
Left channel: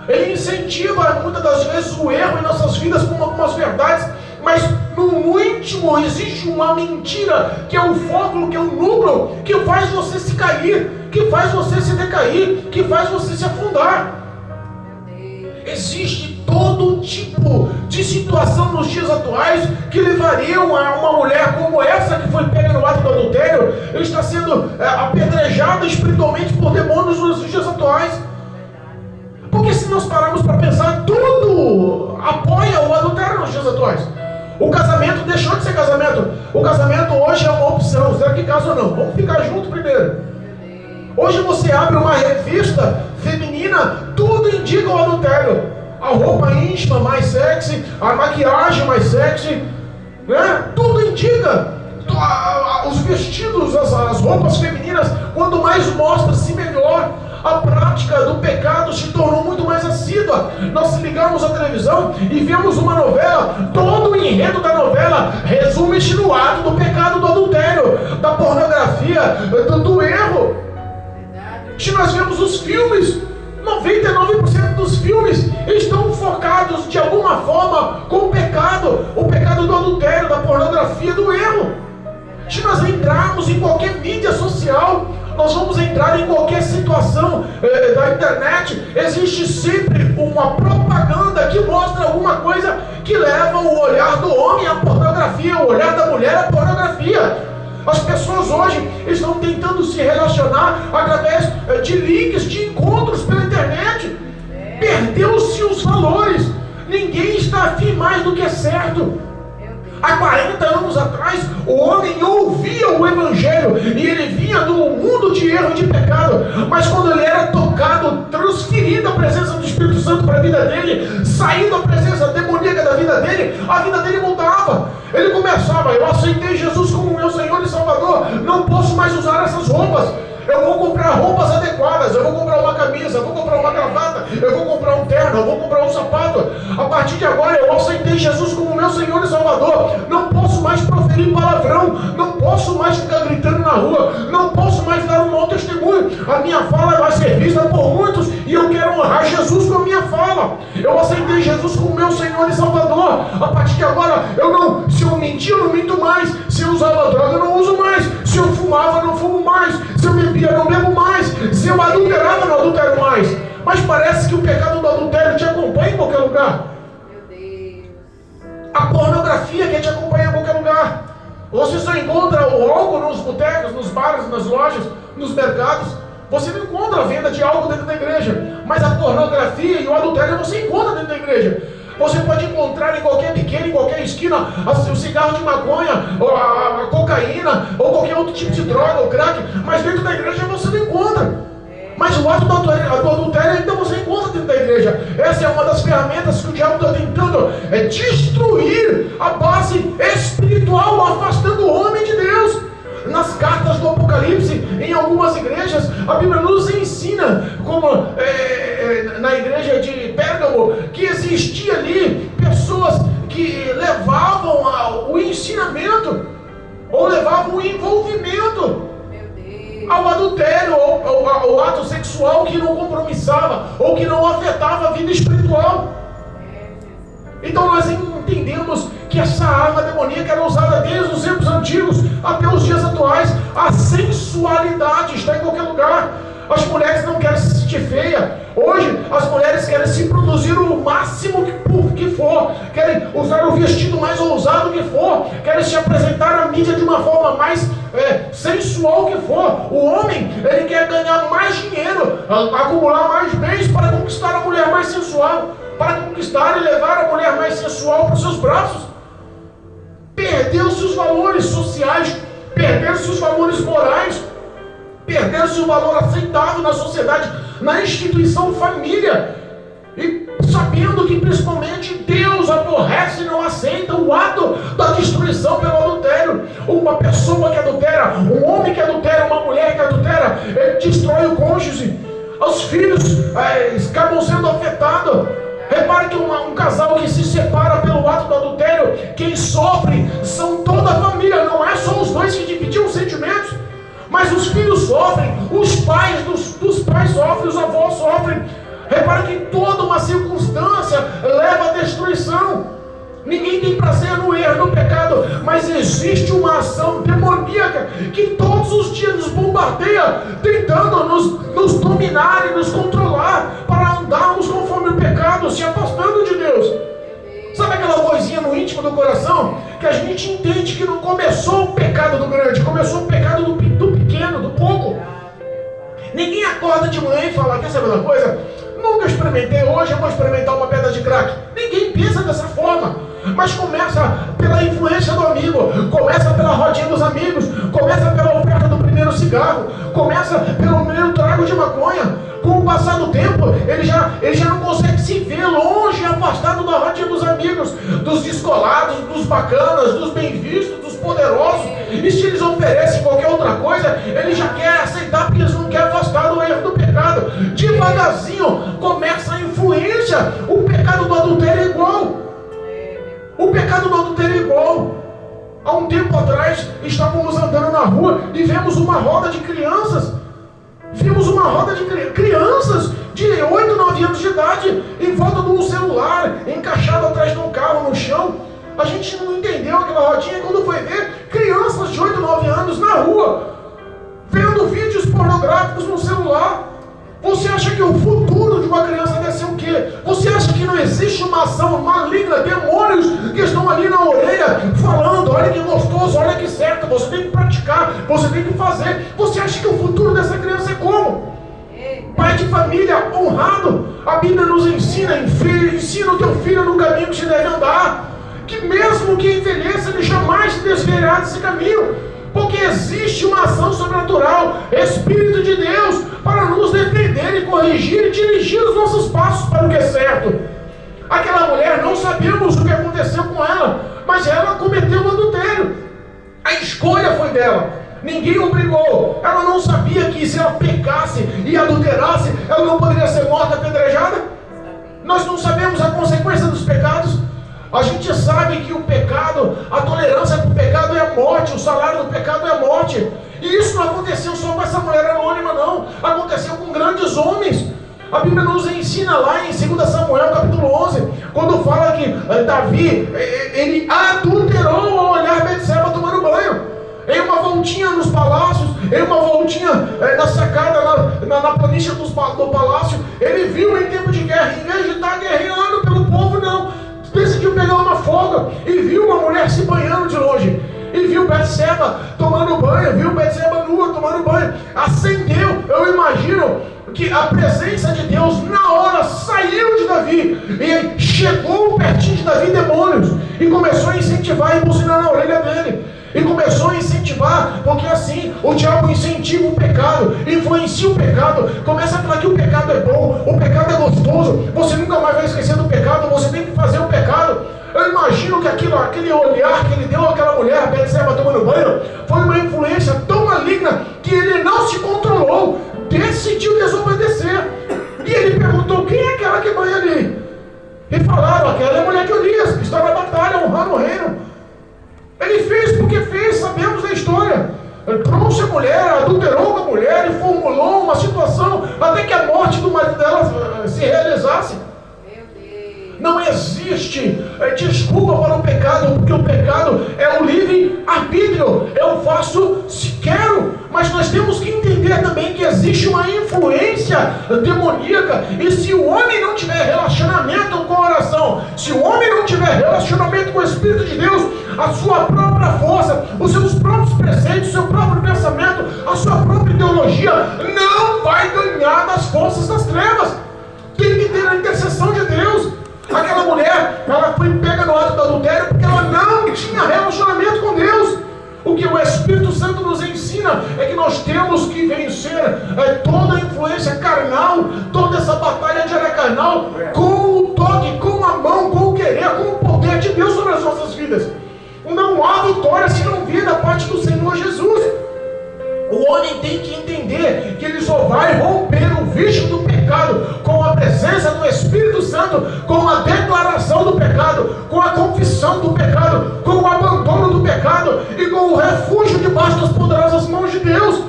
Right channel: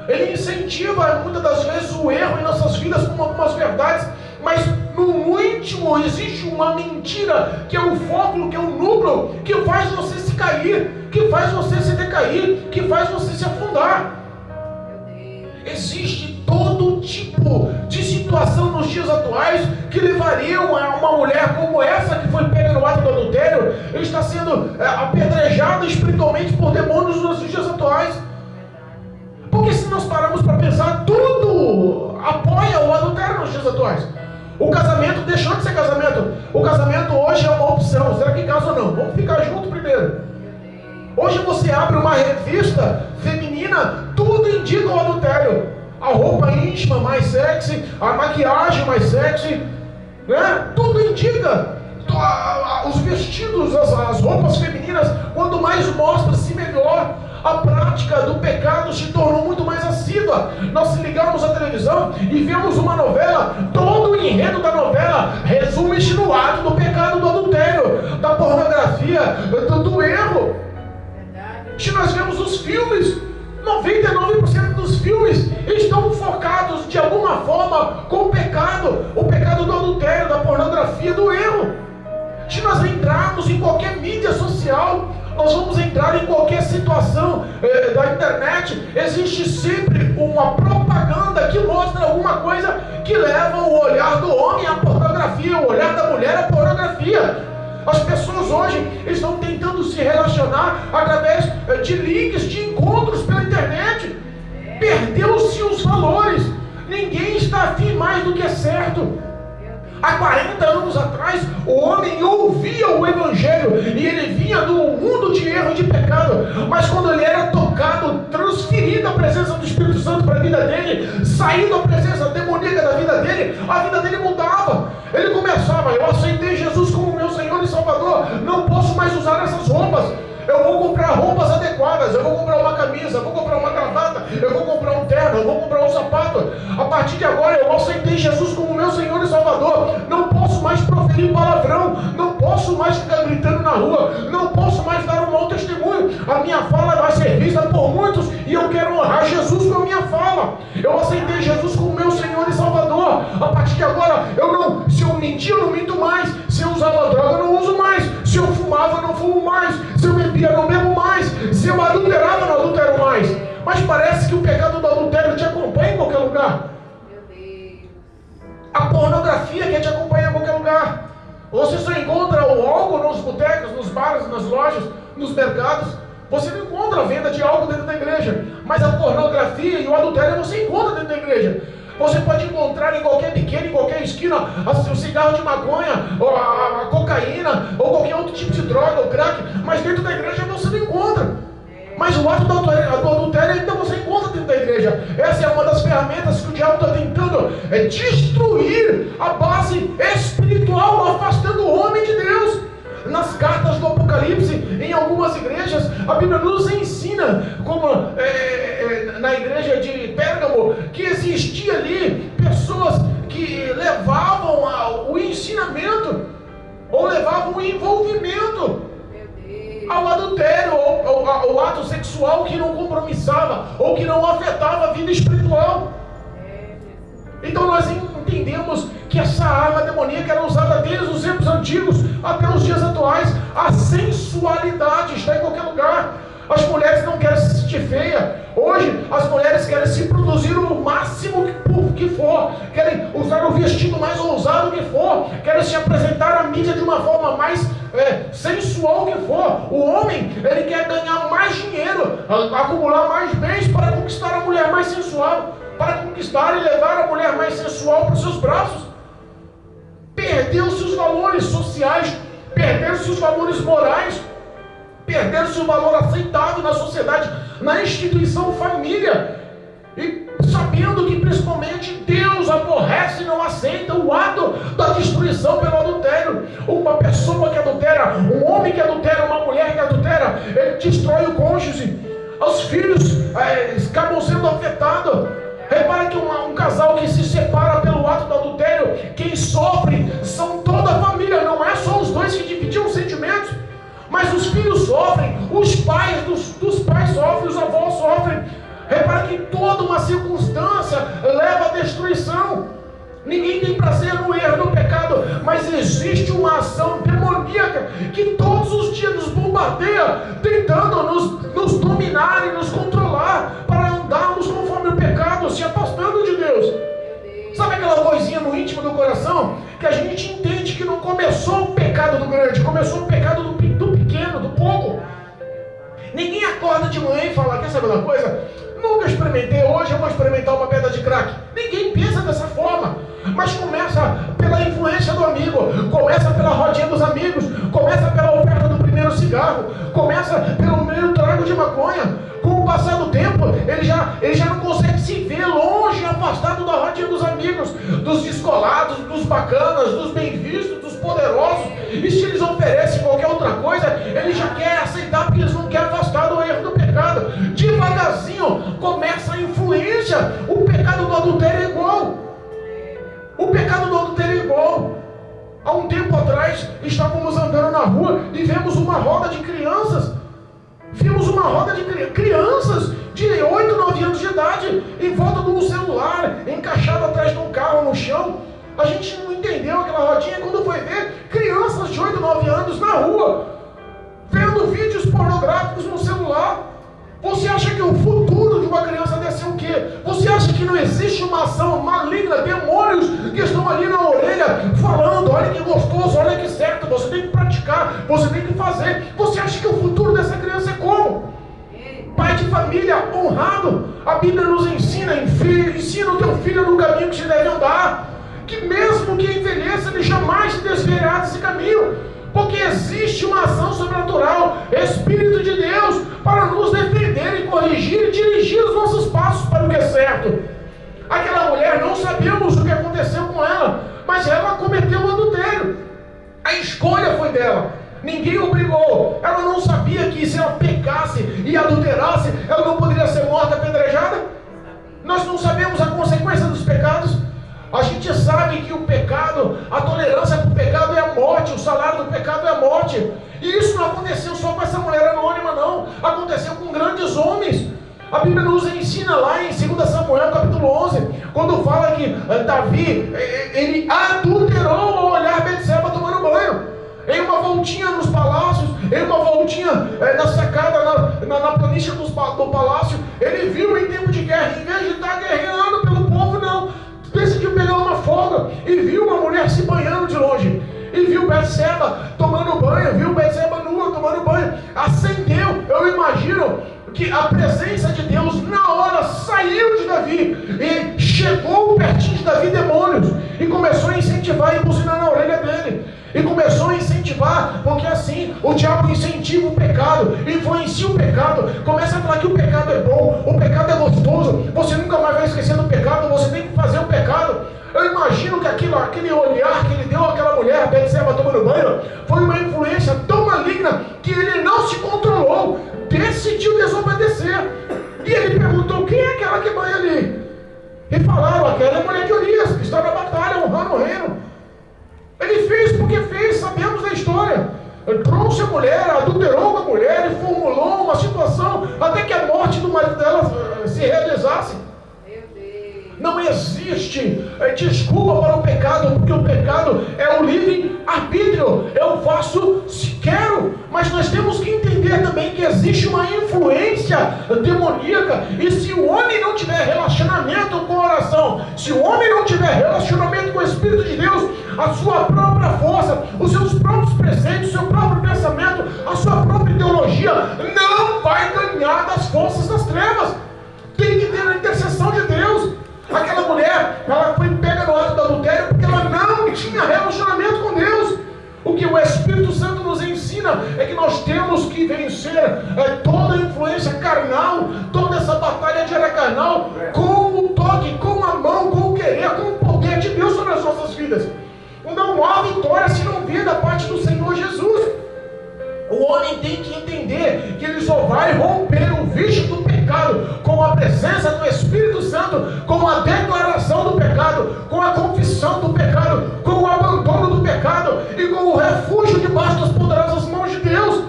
Ele incentiva muitas das vezes o erro em nossas vidas com algumas verdades. Mas no íntimo existe uma mentira, que é o foco, que é o núcleo, que faz você se cair, que faz você se decair, que faz você se afundar. Existe todo tipo de situação nos dias atuais que levariam a uma mulher como essa que foi pega no ato do adultério, ele está sendo apedrejada espiritualmente por demônios nos dias atuais. Porque se nós pararmos para pensar, tudo apoia o adultério nos dias atuais. O casamento deixou de ser casamento. O casamento hoje é uma opção. Será que casa ou não? Vamos ficar juntos primeiro. Hoje você abre uma revista feminina, tudo indica o adultério. A roupa íntima mais sexy, a maquiagem mais sexy, né? Tudo indica. Os vestidos, as roupas femininas, quanto mais mostra-se melhor. a prática do pecado se tornou muito mais assídua. Nós ligamos a televisão e vemos uma novela, todo o enredo da novela resume-se no ato do pecado, do adultério, da pornografia, do erro. Se nós vemos os filmes, 99% dos filmes estão focados de alguma forma com o pecado do adultério, da pornografia, do erro. Se nós entrarmos em qualquer mídia social, nós vamos entrar em qualquer situação da internet, existe sempre uma propaganda que mostra alguma coisa que leva o olhar do homem à pornografia, o olhar da mulher à pornografia. As pessoas hoje estão tentando se relacionar através de links, de encontros pela internet. Perdeu-se os valores. Ninguém está afim mais do que é certo. Há 40 anos atrás, o homem ouvia o Evangelho e ele vinha do mundo de erro, de pecado. Mas quando ele era tocado, transferido a presença do Espírito Santo para a vida dele, saindo a presença demoníaca da vida dele, a vida dele mudava. Ele começava: eu aceitei Jesus como meu Senhor e Salvador, não posso mais usar essas roupas. Eu vou comprar roupas adequadas, eu vou comprar uma camisa, eu vou comprar uma gravata, eu vou comprar um terno, eu vou comprar um sapato. A partir de agora eu aceitei Jesus como meu Senhor e Salvador. Não posso mais proferir palavrão, não posso mais ficar gritando na rua, não posso mais dar um mau testemunho. A minha fala vai ser vista por muitos e eu quero honrar Jesus com a minha fala. Eu aceitei Jesus como meu Senhor e Salvador. A partir de agora, se eu mentir, eu não minto mais. Se eu usava droga, eu não uso mais. Se eu fumava, eu não fumo mais. Se eu bebia, eu não bebo mais. Se eu adulterava, eu não adultero mais. Mas parece que o pecado do adultério te acompanha em qualquer lugar. Meu Deus. A pornografia que te acompanha em qualquer lugar. Você só encontra o álcool nos botecos, nos bares, nas lojas, nos mercados. Você não encontra a venda de álcool dentro da igreja. Mas a pornografia e o adultério você encontra dentro da igreja. Você pode encontrar em qualquer biqueira, em qualquer esquina, o cigarro de maconha, ou a cocaína, ou qualquer outro tipo de droga, ou crack, mas dentro da igreja você não encontra. Mas o ato do adultério ainda você encontra dentro da igreja. Essa é uma das ferramentas que o diabo está tentando destruir a base espiritual, afastando o homem de Deus. Nas cartas do Apocalipse, em algumas igrejas, a Bíblia nos ensina, como na igreja de Pérgamo, que existia ali pessoas que levavam o ensinamento, ou levavam o envolvimento ao adultério, ao ato sexual que não compromissava, ou que não afetava a vida espiritual. Então nós entendemos que essa arma demoníaca era usada desde os tempos antigos até os dias atuais. A sensualidade está em qualquer lugar. As mulheres não querem se sentir feia. Hoje as mulheres querem se produzir o máximo que for, querem usar o vestido mais ousado que for, querem se apresentar à mídia de uma forma mais sensual que for. O homem, ele quer ganhar mais dinheiro, acumular mais bens para conquistar a mulher mais sensual, para conquistar e levar a mulher mais sensual para os seus braços. Perdeu-se os valores sociais, perderam-se os valores morais, perderam-se o valor aceitável na sociedade, na instituição família. E sabendo que principalmente Deus aborrece e não aceita o ato da destruição pelo adultério. Uma pessoa que adultera, um homem que adultera, uma mulher que adultera, ele destrói o cônjuge. Os filhos acabam sendo afetados. Repare que um casal que se separa pelo ato do adultério, quem sofre são toda a família, não é só os dois que dividiam os sentimentos, mas os filhos sofrem, os pais dos pais sofrem, os avós sofrem. Repare que toda uma circunstância leva à destruição. Ninguém tem prazer no erro, no pecado, mas existe uma ação demoníaca que todos os dias nos bombardeia, tentando nos dominar e nos controlar para andarmos conforme o pecado, se afastando de Deus. Sabe aquela coisinha no íntimo do coração que a gente entende que não começou o pecado do grande, começou o pecado do pequeno, do pouco. Ninguém acorda de manhã e fala: quer saber uma coisa? Nunca experimentei, hoje eu vou experimentar uma pedra de crack. Ninguém pensa dessa forma, mas começa pela influência do amigo, começa pela rodinha dos amigos, começa pela oferta do primeiro cigarro, começa pelo primeiro trago de maconha. Com o passar do tempo, ele já não consegue se ver longe, afastado da rodinha dos amigos, dos descolados, dos bacanas, dos bem-vistos, dos poderosos. E se eles oferecem qualquer outra coisa, ele já quer aceitar, porque eles não querem afastar do erro do pecado. estávamos andando na rua e vemos uma roda de crianças. Vimos uma roda de crianças de 8, 9 anos de idade em volta de um celular, encaixado atrás de um carro no chão. A gente não entendeu aquela rodinha. Quando foi ver, crianças de 8, 9 anos na rua, vendo vídeos pornográficos no celular. Você acha que o futuro de uma criança deve ser o quê? Você acha que não existe uma ação maligna, demônios que estão ali na orelha, falando, olha que gostoso, olha que certo, você tem que praticar, você tem que fazer. Você acha que o futuro dessa criança é como? Pai de família honrado. A Bíblia nos ensina, ensina o teu filho no caminho que se deve andar, que mesmo que envelheça, ele jamais se desviará desse caminho. Porque existe uma ação sobrenatural, Espírito de Deus, para nos defender e corrigir e dirigir os nossos passos para o que é certo. Aquela mulher, não sabemos o que aconteceu com ela, mas ela cometeu um adultério. A escolha foi dela. Ninguém obrigou. Ela não sabia que se ela pecasse e adulterasse, ela não poderia ser morta apedrejada. Nós não sabemos a consequência dos pecados. A gente sabe que o pecado, a tolerância do pecado é a morte, o salário do pecado é a morte. E isso não aconteceu só com essa mulher anônima, não. Aconteceu com grandes homens. A Bíblia nos ensina lá em 2 Samuel capítulo 11, quando fala que Davi, ele adulterou ao olhar Betseba tomando banho. Em uma voltinha nos palácios, em uma voltinha na sacada, na planície do palácio, ele viu em tempo de guerra, em vez de estar guerreando pelo povo, não. Decidiu pegar uma folga e viu uma mulher se banhando de longe. E viu Betseba tomando banho, viu Betseba nua tomando banho. Acendeu, eu imagino que a presença de Deus na hora saiu de Davi e chegou pertinho de Davi demônios e começou a incentivar e buzinar na orelha dele. E começou a incentivar, porque assim o diabo incentiva o pecado, influencia o pecado, começa a falar que o pecado é bom, o pecado é gostoso, você nunca mais vai esquecer do pecado, você tem que fazer o pecado. Eu imagino que aquele olhar que ele deu àquela mulher, Betseba tomando banho, foi uma influência tão maligna que ele não se controlou, decidiu desobedecer. E ele perguntou: quem é aquela que banha ali? E falaram: aquela é a mulher de Urias, que está na batalha honrando o reino. Ele fez porque fez, sabemos da história. Ele trouxe a mulher, adulterou com a mulher e formulou uma situação até que a morte do marido dela se realizasse. Não existe desculpa para o pecado, porque o pecado é o livre arbítrio. Eu faço se quero, mas nós temos que entender também que existe uma influência demoníaca. E se o homem não tiver relacionamento com a oração, se o homem não tiver relacionamento com o Espírito de Deus, a sua própria força, os seus próprios preceitos, o seu próprio pensamento, a sua própria ideologia, não vai ganhar das forças das trevas. Tem que ter a intercessão de Deus. Aquela mulher, ela foi pega no ato do adultério porque ela não tinha relacionamento com Deus. O que o Espírito Santo nos ensina é que nós temos que vencer toda a influência carnal, toda essa batalha diária carnal, com o toque, com a mão, com o querer, com o poder de Deus sobre as nossas vidas. Não há vitória se não vier da parte do Senhor Jesus. O homem tem que entender que ele só vai romper o vício do pecado com a presença do Espírito Santo, com a declaração do pecado, com a confissão do pecado, com o abandono do pecado e com o refúgio debaixo das poderosas mãos de Deus.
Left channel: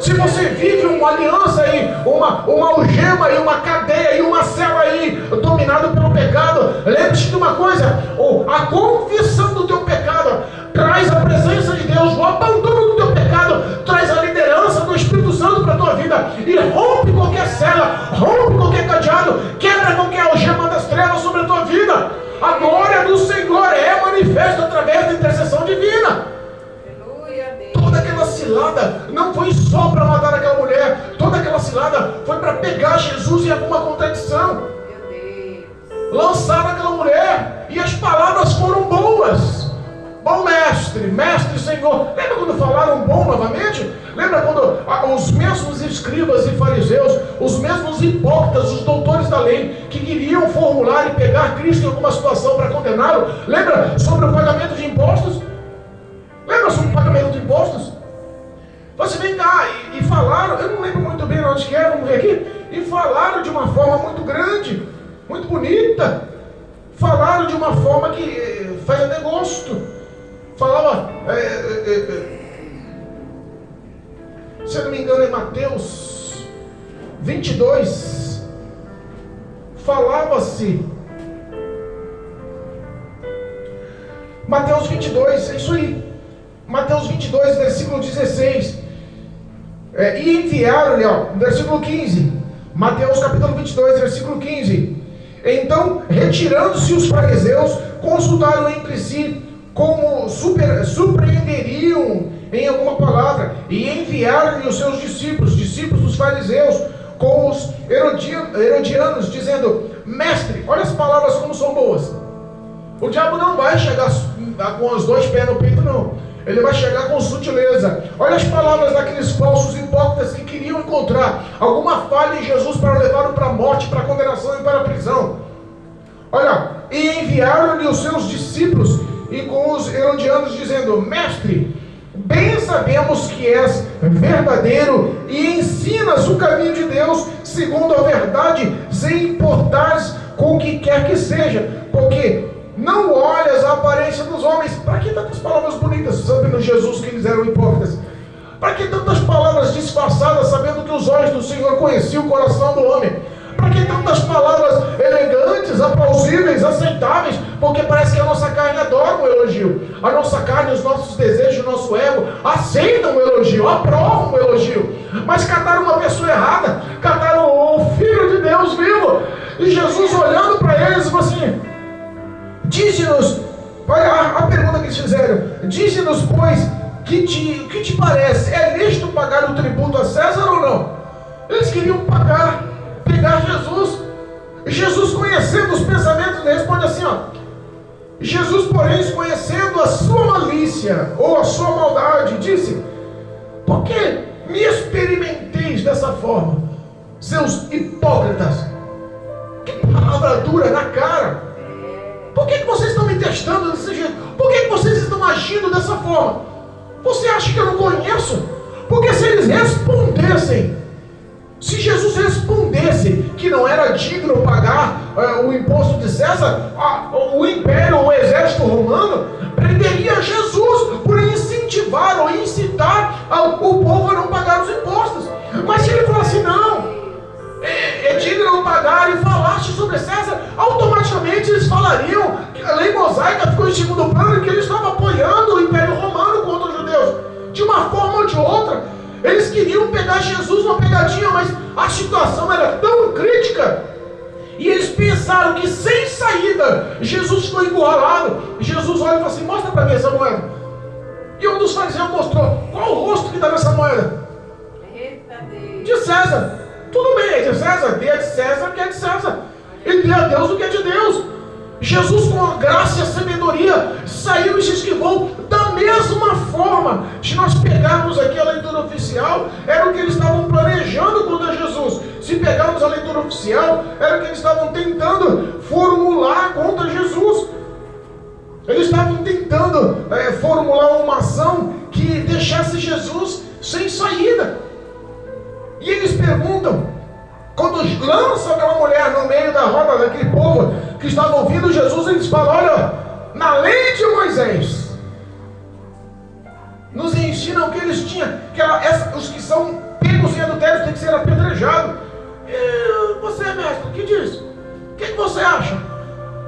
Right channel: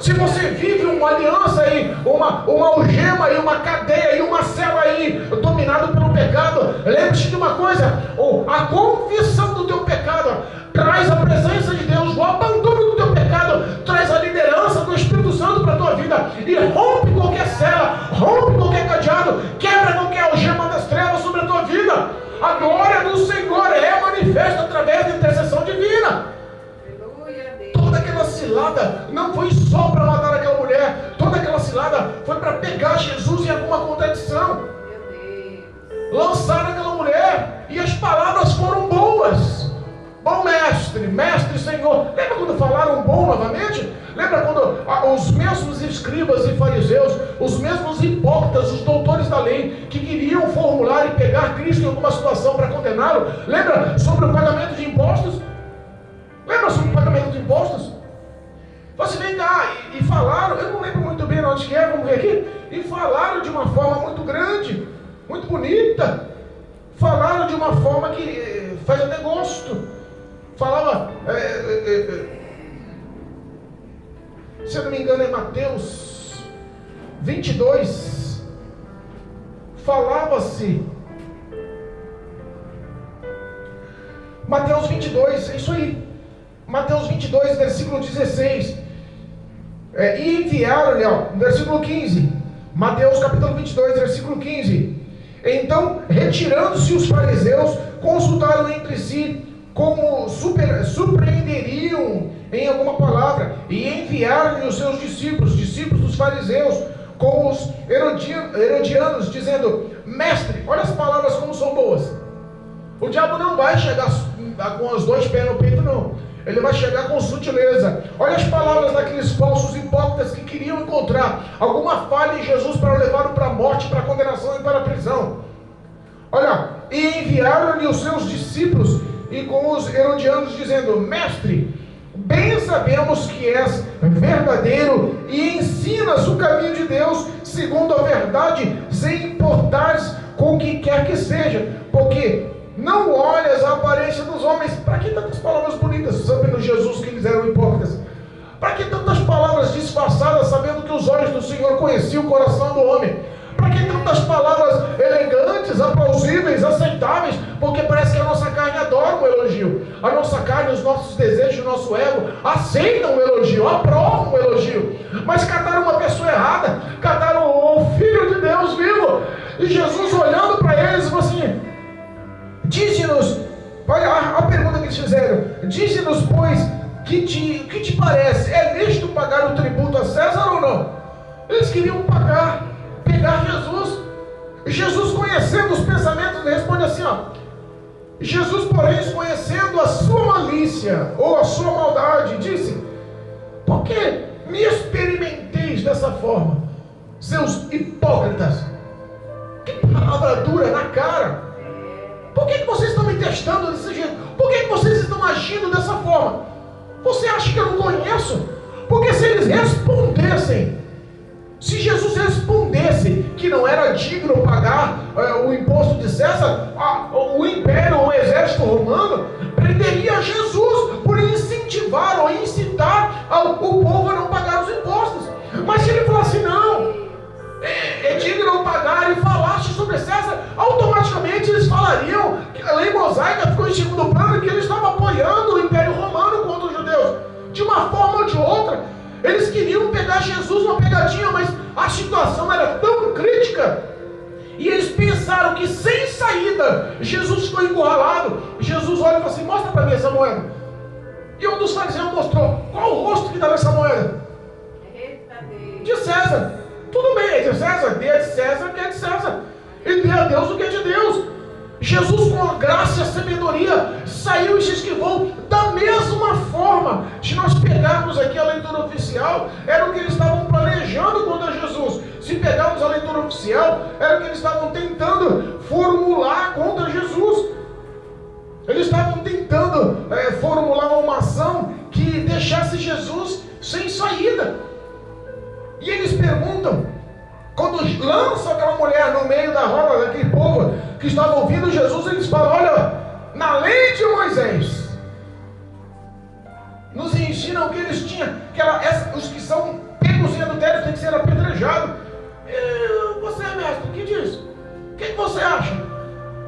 Se você vive uma aliança aí, uma algema aí, uma cadeia aí, uma cela aí, dominado pelo pecado, lembre-se de uma coisa: a confissão do teu pecado traz a presença de Deus, o abandono do teu pecado traz a liderança do Espírito Santo para a tua vida e rompe qualquer cela, rompe qualquer cadeado, quebra qualquer algema das trevas sobre a tua vida. A glória do Senhor é manifesta através da intercessão divina. Toda aquela cilada não foi só para matar aquela mulher, toda aquela cilada foi para pegar Jesus em alguma contradição, lançar naquela mulher, e as palavras foram boas. Bom mestre, mestre, Senhor. Lembra quando falaram bom novamente? Lembra quando os mesmos escribas e fariseus, os mesmos hipócritas, os doutores da lei, que queriam formular e pegar Cristo em alguma situação para condená-lo? Lembra sobre o pagamento de impostos? Lembra sobre o pagamento de impostos? Você vem cá e falaram, eu não lembro muito bem onde que é, vamos ver aqui, e falaram de uma forma muito grande, muito bonita, falaram de uma forma que faz até gosto. Falava, Mateus 22, falava-se. Mateus 22, é isso aí. Mateus 22, versículo 16. E enviaram-lhe, no versículo 15. Mateus capítulo 22, versículo 15. Então, retirando-se os fariseus, consultaram entre si como surpreenderiam em alguma palavra, e enviaram-lhe os seus discípulos dos fariseus, com os herodianos, dizendo: mestre, olha as palavras como são boas. O diabo não vai chegar com os dois pés no peito, não. Ele vai chegar com sutileza. Olha as palavras daqueles falsos hipócritas que queriam encontrar alguma falha em Jesus para levá-lo para a morte, para a condenação e para a prisão. Olha, e enviaram-lhe os seus discípulos e com os herodianos, dizendo: mestre, bem sabemos que és verdadeiro e ensinas o caminho de Deus segundo a verdade, sem importares com o que quer que seja, porque não olhas a aparência dos homens. Para que tantas palavras bonitas, sabendo Jesus que eles eram hipócritas? Para que tantas palavras disfarçadas, sabendo que os olhos do Senhor conheciam o coração do homem? Para que tantas palavras elegantes, aplausíveis, aceitáveis? Porque parece que a nossa carne adora o elogio. A nossa carne, os nossos desejos, o nosso ego aceitam o elogio, aprovam o elogio. Mas cataram uma pessoa errada, cataram o Filho de Deus vivo. E Jesus, olhando para eles, falou assim: dize-nos, a pergunta que eles fizeram: dize-nos, pois, que te parece? É lícito pagar o tributo a César ou não? Eles queriam pegar Jesus. E Jesus, conhecendo os pensamentos, responde assim, Jesus, porém, conhecendo a sua malícia ou a sua maldade, disse: por que me experimenteis dessa forma, seus hipócritas? Que palavra dura na cara! Por que vocês estão me testando desse jeito? Por que vocês estão agindo dessa forma? Você acha que eu não conheço? Porque se eles respondessem, se Jesus respondesse que não era digno pagar o imposto de César, o império, o exército romano prenderia Jesus por incentivar ou incitar o povo a não pagar os impostos. Mas se ele falasse: não, é digno pagar, e falasse sobre César, automaticamente eles falariam que a lei mosaica ficou em segundo plano, que ele estava apoiando o império romano contra os judeus. De uma forma ou de outra, eles queriam pegar Jesus numa pegadinha, mas a situação era tão crítica, e eles pensaram que sem saída, Jesus foi encurralado. Jesus olha e fala assim: mostra para mim essa moeda. E um dos fariseus mostrou: qual o rosto que está nessa moeda? De César. Tudo bem, é de César, dê a de César o que é de César, e dê a Deus o que é de Deus. Jesus, com a graça e a sabedoria, saiu e se esquivou. Da mesma forma, se nós pegarmos aqui a leitura oficial, era o que eles estavam planejando contra Jesus. Se pegarmos a leitura oficial, era o que eles estavam tentando formular contra Jesus. Eles estavam tentando formular uma ação que deixasse Jesus sem saída. E eles perguntam, quando lançam aquela mulher no meio da roda daquele povo que estava ouvindo Jesus, eles falam: olha, na lei de Moisés nos ensinam que eles tinham, os que são pegos em adultério têm que ser apedrejados. Você, mestre, o que diz? O que você acha?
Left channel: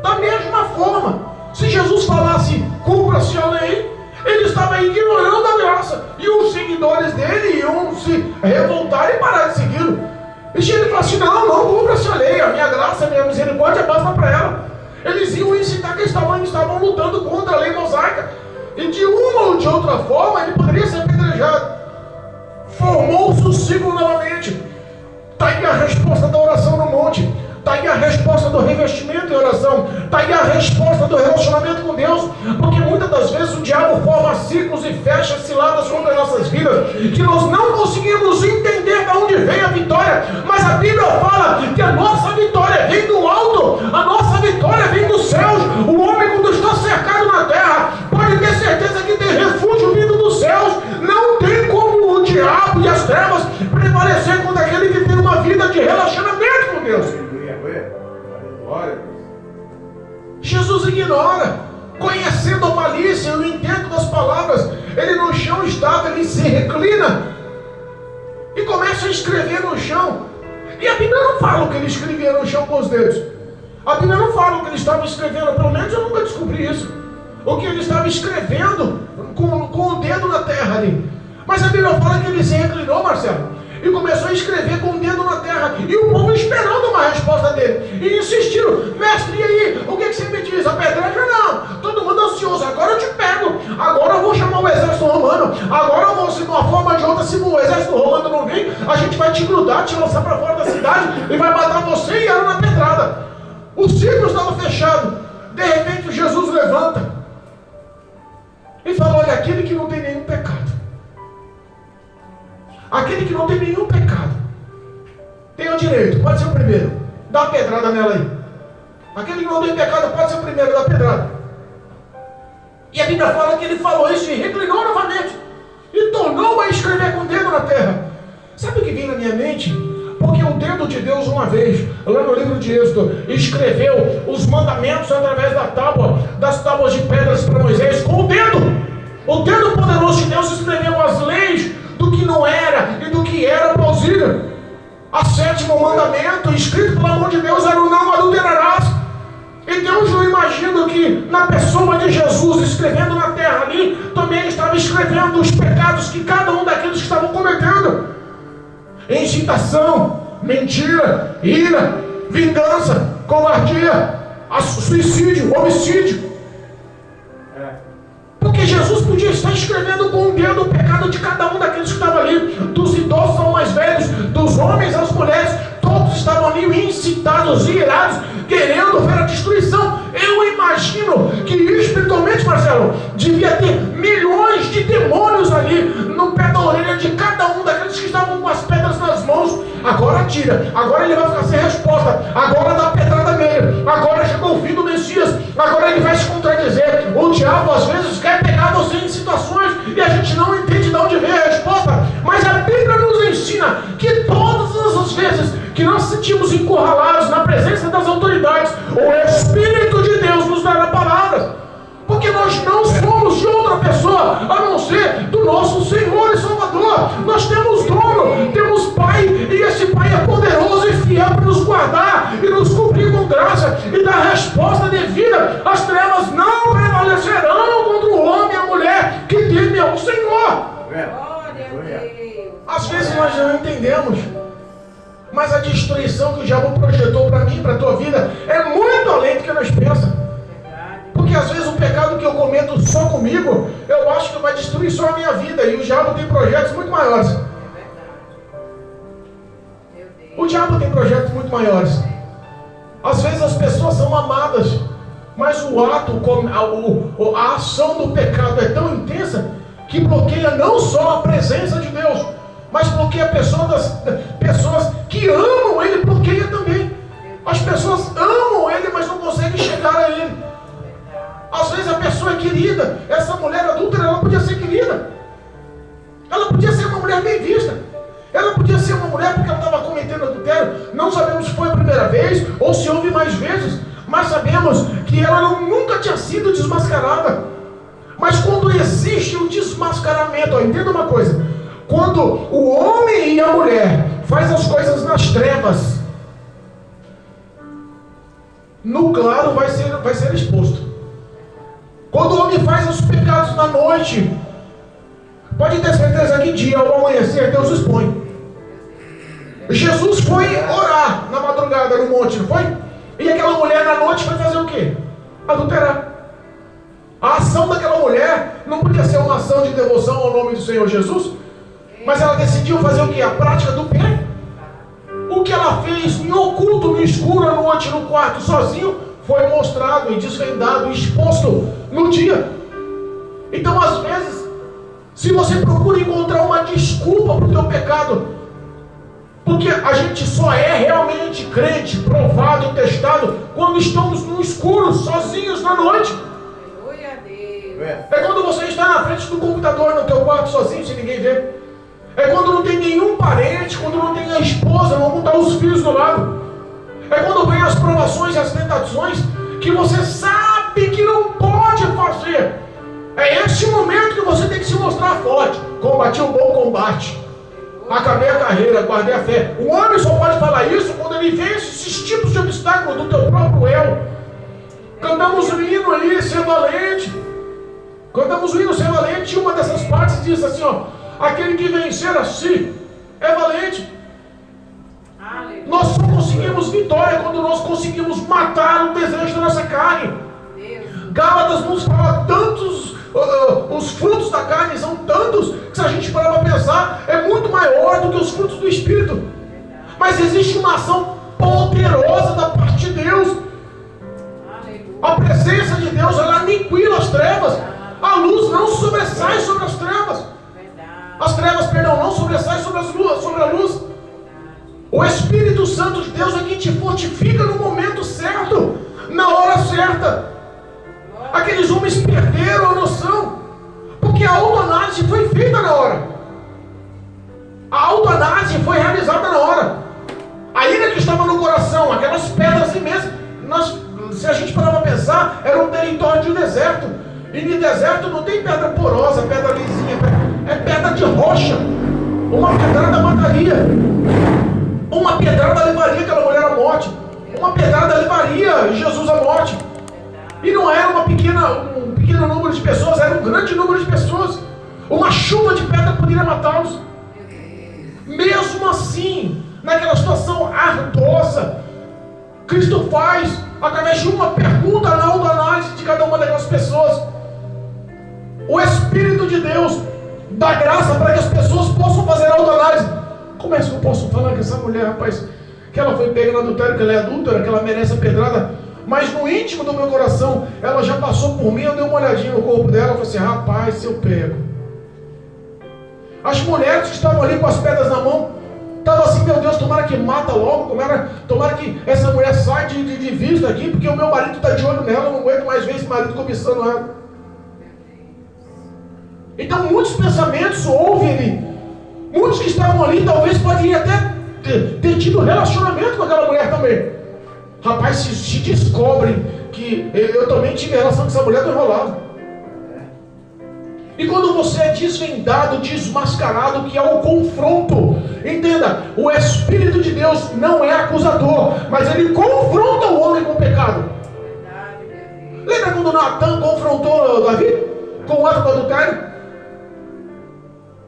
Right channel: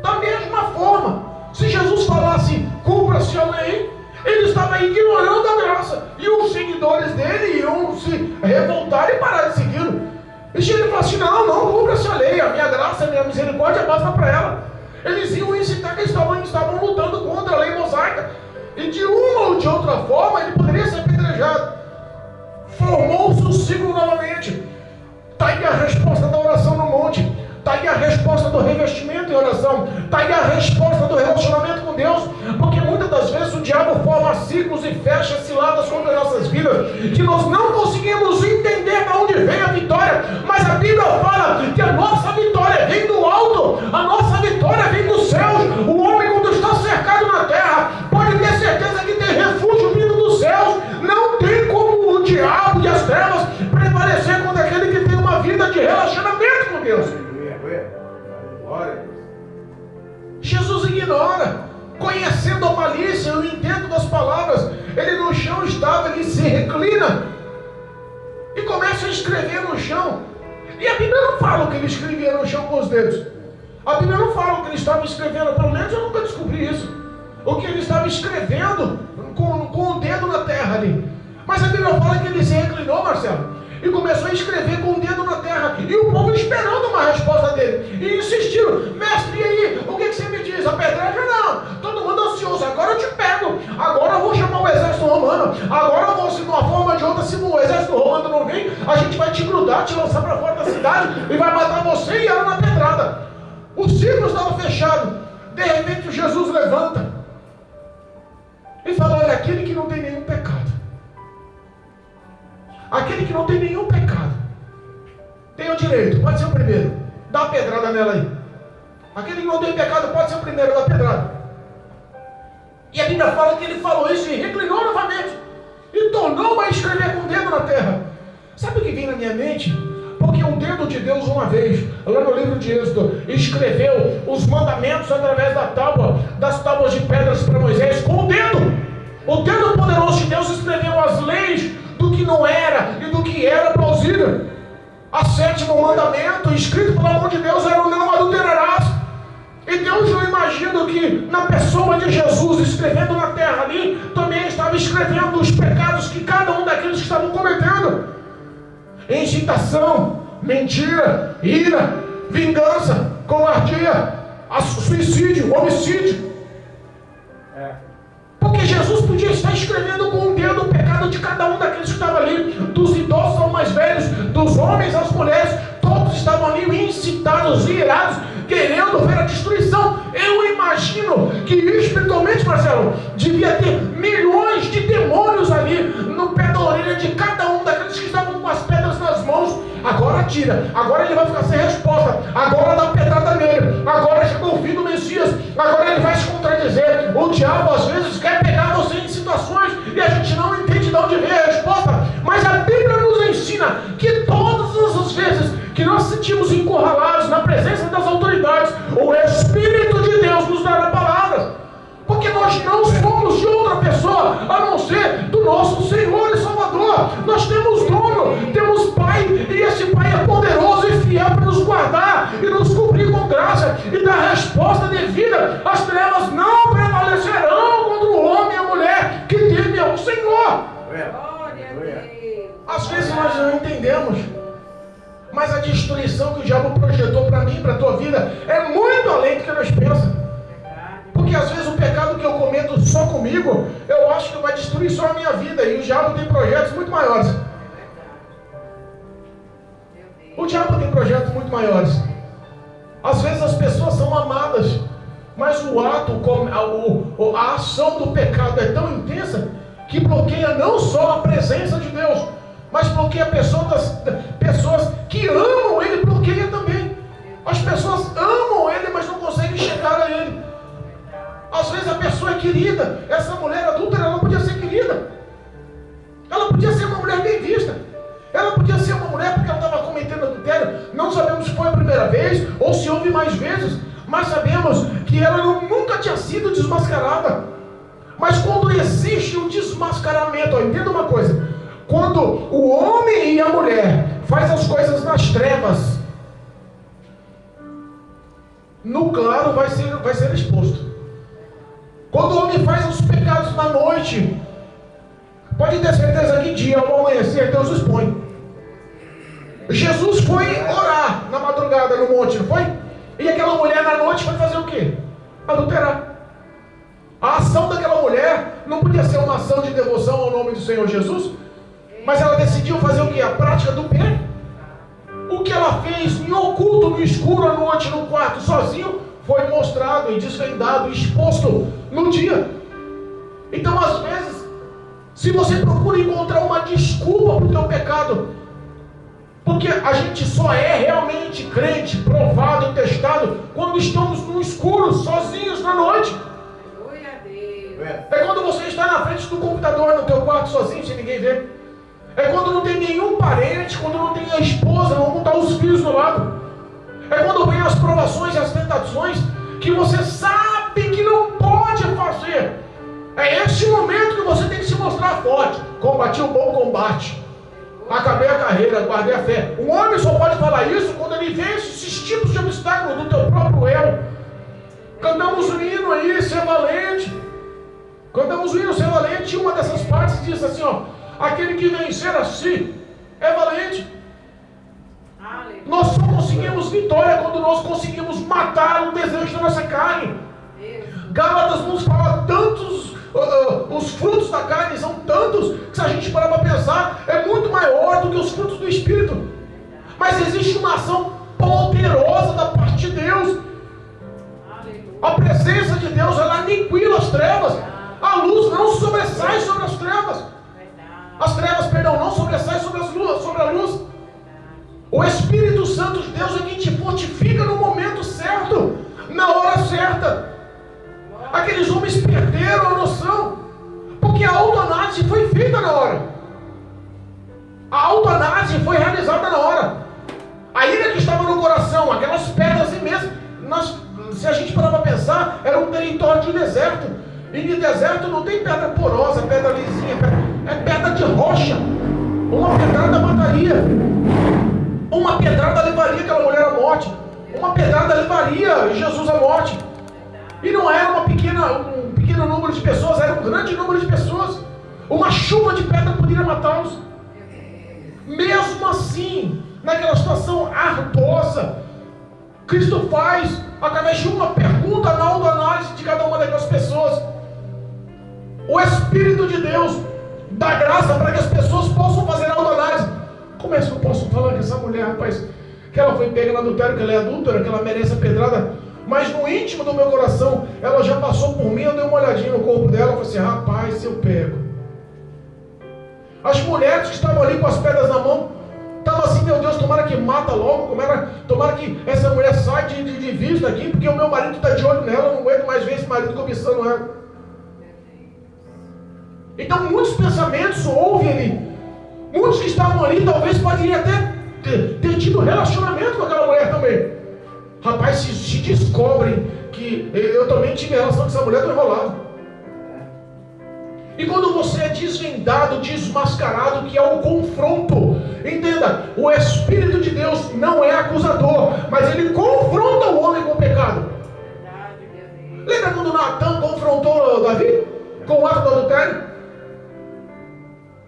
Da mesma forma, se Jesus falasse: cumpra-se a lei, ele estava ignorando a graça, e os seguidores dele iam se revoltar e parar de segui-lo. E se ele falasse: não cumpra-se a lei, a minha graça, a minha misericórdia basta para ela, eles iam incitar que eles estavam lutando contra a lei mosaica, e de uma ou de outra forma ele poderia ser apedrejado. Formou-se o ciclo novamente. Está aí a resposta da oração no monte, está aí a resposta do revestimento em oração, está aí a resposta do relacionamento com Deus, porque muitas das vezes o diabo forma ciclos e fecha ciladas contra as nossas vidas, que nós não conseguimos entender de onde vem a vitória, mas a Bíblia fala que a nossa vitória vem do alto, a nossa vitória vem dos céus. O homem, quando está cercado na terra, pode ter certeza que tem refúgio vindo dos céus. Não tem como o diabo e as trevas prevalecer contra aquele que tem uma vida de relacionamento com Deus. Jesus ignora, conhecendo a malícia e o intento das palavras, ele no chão estava, ele se reclina e começa começa a escrever no chão. E a Bíblia não fala o que ele escrevia no chão com os dedos. A Bíblia não fala o que ele estava escrevendo, pelo menos eu nunca descobri isso. O que ele estava escrevendo com o dedo na terra ali. Mas a Bíblia fala que ele se reclinou, Marcelo, e começou a escrever com o dedo na terra. E o povo esperando uma resposta dele. E insistiram: mestre, e aí? O que você me diz? A pedreira? Não. Todo mundo ansioso. Agora eu te pego. Agora eu vou chamar o exército romano. Agora eu vou, se de uma forma ou de outra, se o exército romano não vir, a gente vai te grudar, te lançar para fora da cidade e vai matar você e ela na pedrada. O círculo estava fechado. De repente Jesus levanta e fala: olha, aquele que não tem nenhum pecado, aquele que não tem nenhum pecado, tem o direito, pode ser o primeiro, dá a pedrada nela aí. Aquele que não tem pecado pode ser o primeiro, dá a pedrada. E a Bíblia fala que ele falou isso e reclinou novamente e tornou a escrever com o dedo na terra. Sabe o que vem na minha mente? Porque o dedo de Deus, uma vez, lá no livro de Êxodo, escreveu os mandamentos através das tábuas de pedras para Moisés com o dedo. O dedo poderoso de Deus escreveu as leis do que não era e do que era plausível. O sétimo mandamento, escrito pela mão de Deus, era o não adulterarás. E Deus, eu imagino que na pessoa de Jesus, escrevendo na terra ali, também estava escrevendo os pecados que cada um daqueles que estavam cometendo: incitação, mentira, ira, vingança, covardia, suicídio, homicídio. Porque Jesus podia estar escrevendo com o dedo o pecado de cada um daqueles que estavam ali, dos idosos aos mais velhos, dos homens às mulheres. Todos estavam ali incitados e irados, querendo ver a destruição. Eu imagino que espiritualmente, Marcelo, devia ter milhões de demônios ali no pé da orelha de cada um daqueles que estavam com as pedras nas mãos. Agora tira, agora ele vai ficar sem resposta, agora dá pedrada nele, agora chegou o fim do Messias, agora ele vai se contradizer. O diabo às vezes quer pegar você em situações e a gente não entende de onde vem a resposta, mas a Bíblia nos ensina que todas as vezes que nós sentimos encurralados na presença das autoridades, o Espírito de Deus nos dará palavras, porque nós não somos de outra pessoa a não ser do nosso Senhor e Salvador. Nós temos dono, temos Pai, e esse Pai é poderoso e fiel para nos guardar e nos cobrir com graça e dar resposta devida. As trevas não prevalecerão contra o homem e a mulher que teme ao Senhor. Glória a Deus. Às vezes nós não entendemos, mas a destruição que o diabo projetou para mim, para a tua vida, é muito além do que nós pensamos. Porque às vezes o pecado que eu cometo só comigo, eu acho que vai destruir só a minha vida, e o diabo tem projetos muito maiores. O diabo tem projetos muito maiores. Às vezes as pessoas são amadas, mas o ato, a ação do pecado é tão intensa que bloqueia não só a presença de Deus, mas bloqueia a pessoas que amam Ele, bloqueia também. As pessoas amam Ele, mas não conseguem chegar a Ele. Às vezes a pessoa é querida, essa mulher adúltera, ela podia ser querida, ela podia ser uma mulher bem vista, ela podia ser uma mulher porque ela estava cometendo adultério. Não sabemos se foi a primeira vez ou se houve mais vezes, mas sabemos que ela nunca tinha sido desmascarada. Mas quando existe o desmascaramento, entenda uma coisa: quando o homem e a mulher faz as coisas nas trevas, no claro vai ser exposto. Quando o homem faz os pecados na noite, pode ter certeza que dia ao amanhecer Deus expõe. Jesus foi orar na madrugada no monte, não foi? E aquela mulher na noite foi fazer o quê? Adulterar. A ação daquela mulher não podia ser uma ação de devoção ao nome do Senhor Jesus, mas ela decidiu fazer o quê? A prática do bem. O que ela fez em oculto, no escuro, à noite, no quarto, sozinho, foi mostrado e desvendado, exposto no dia. Então, às vezes, se você procura encontrar uma desculpa para o teu pecado, porque a gente só é realmente crente, provado e testado, quando estamos no escuro, sozinhos na noite. Aleluia a Deus. É quando você está na frente do computador, no teu quarto, sozinho, sem ninguém ver. É quando não tem nenhum parente, quando não tem a esposa, não está os filhos do lado. É quando vem as provações e as tentações que você sabe que não pode fazer. É esse momento que você tem que se mostrar forte. Combati o bom combate. acabei a carreira, guardei a fé. O homem só pode falar isso quando ele vence esses tipos de obstáculos do teu próprio eu. Cantamos o hino aí, ser valente. Cantamos o hino, ser valente, e uma dessas partes diz assim, ó: aquele que vencer a si é valente. Nós só conseguimos vitória quando nós conseguimos matar o desejo da nossa carne. Gálatas nos fala tantos, os frutos da carne são tantos, que se a gente parar para pensar, é muito maior do que os frutos do Espírito. Mas existe uma ação poderosa da parte de Deus. A presença de Deus, ela aniquila as trevas. A luz não sobressai sobre as trevas. As trevas, perdão, não sobressaem sobre a luz. O Espírito Santo de Deus é quem te fortifica no momento certo, na hora certa. Aqueles homens perderam a noção, porque a autoanálise foi feita na hora. A autoanálise foi realizada na hora. A ira que estava no coração, aquelas pedras imensas, se a gente parar para pensar, era um território de deserto. E no deserto não tem pedra porosa, pedra lisinha, é pedra de rocha. Uma pedrada mataria. Uma pedrada levaria aquela mulher à morte. Uma pedrada levaria Jesus à morte. E não era um pequeno número de pessoas, era um grande número de pessoas. Uma chuva de pedra poderia matá-los. Mesmo assim, naquela situação ardosa, Cristo faz, através de uma pergunta na autoanálise de cada uma daquelas pessoas, o Espírito de Deus dá graça para que as pessoas possam fazer a autoanálise. Como é que eu posso falar que essa mulher, rapaz, que ela foi pega no adultério, que ela é adúltera, que ela merece a pedrada, mas no íntimo do meu coração, ela já passou por mim, eu dei uma olhadinha no corpo dela, eu falei assim: rapaz, se eu pego. As mulheres que estavam ali com as pedras na mão, estavam assim: meu Deus, tomara que mata logo, tomara que essa mulher saia de vista daqui, porque o meu marido está de olho nela, eu não aguento mais ver esse marido cobiçando ela. Então muitos pensamentos houve ali. Muitos que estavam ali talvez poderiam até ter tido relacionamento com aquela mulher também. Rapaz, se descobrem que eu também tive relação com essa mulher, estou enrolado. E quando você é desvendado, desmascarado, que é o confronto, entenda, o Espírito de Deus não é acusador, mas ele confronta o homem com o pecado. Lembra quando Natan confrontou Davi com o ato do adultério?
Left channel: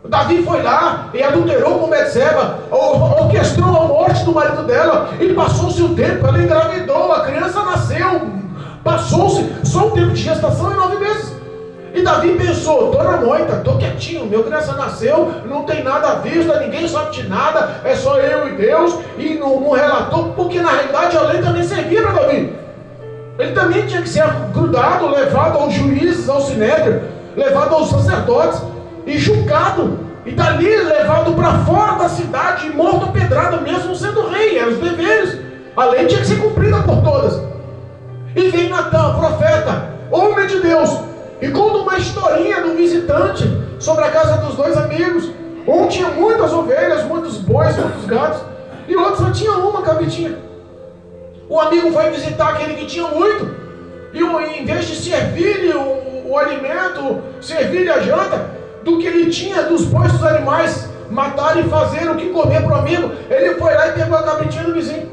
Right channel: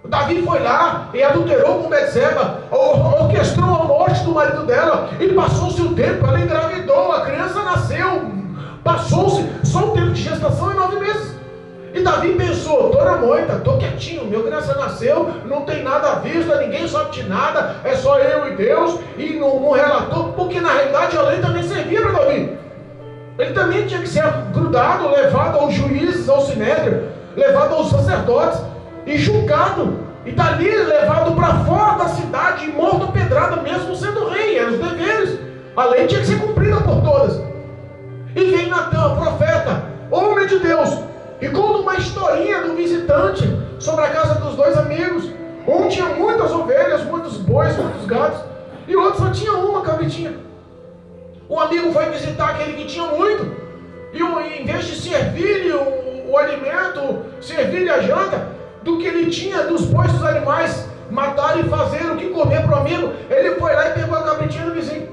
Davi foi lá e adulterou com Betseba, orquestrou a morte do marido dela, e passou-se o tempo, ela engravidou, a criança nasceu, passou-se, só o tempo de gestação é 9 meses. E Davi pensou: estou na moita, estou quietinho, meu criança nasceu, não tem nada à vista, ninguém sabe de nada, é só eu e Deus, e não relatou, porque na realidade a lei também servia para Davi. Ele também tinha que ser grudado, levado aos juízes, ao sinédrio, levado aos sacerdotes, e julgado, e dali levado para fora da cidade e morto a pedrada, mesmo sendo rei. Eram os deveres, a lei tinha que ser cumprida por todas. E vem Natan, profeta, homem de Deus, e conta uma historinha do visitante sobre a casa dos dois amigos. Um tinha muitas ovelhas, muitos bois, muitos gatos, e outro só tinha uma cabritinha. O amigo foi visitar aquele que tinha muito, e em vez de servir-lhe o alimento, servir-lhe a janta, do que ele tinha dos bois dos animais, matar e fazer o que comer para o amigo, ele foi lá e pegou a cabritinha do vizinho.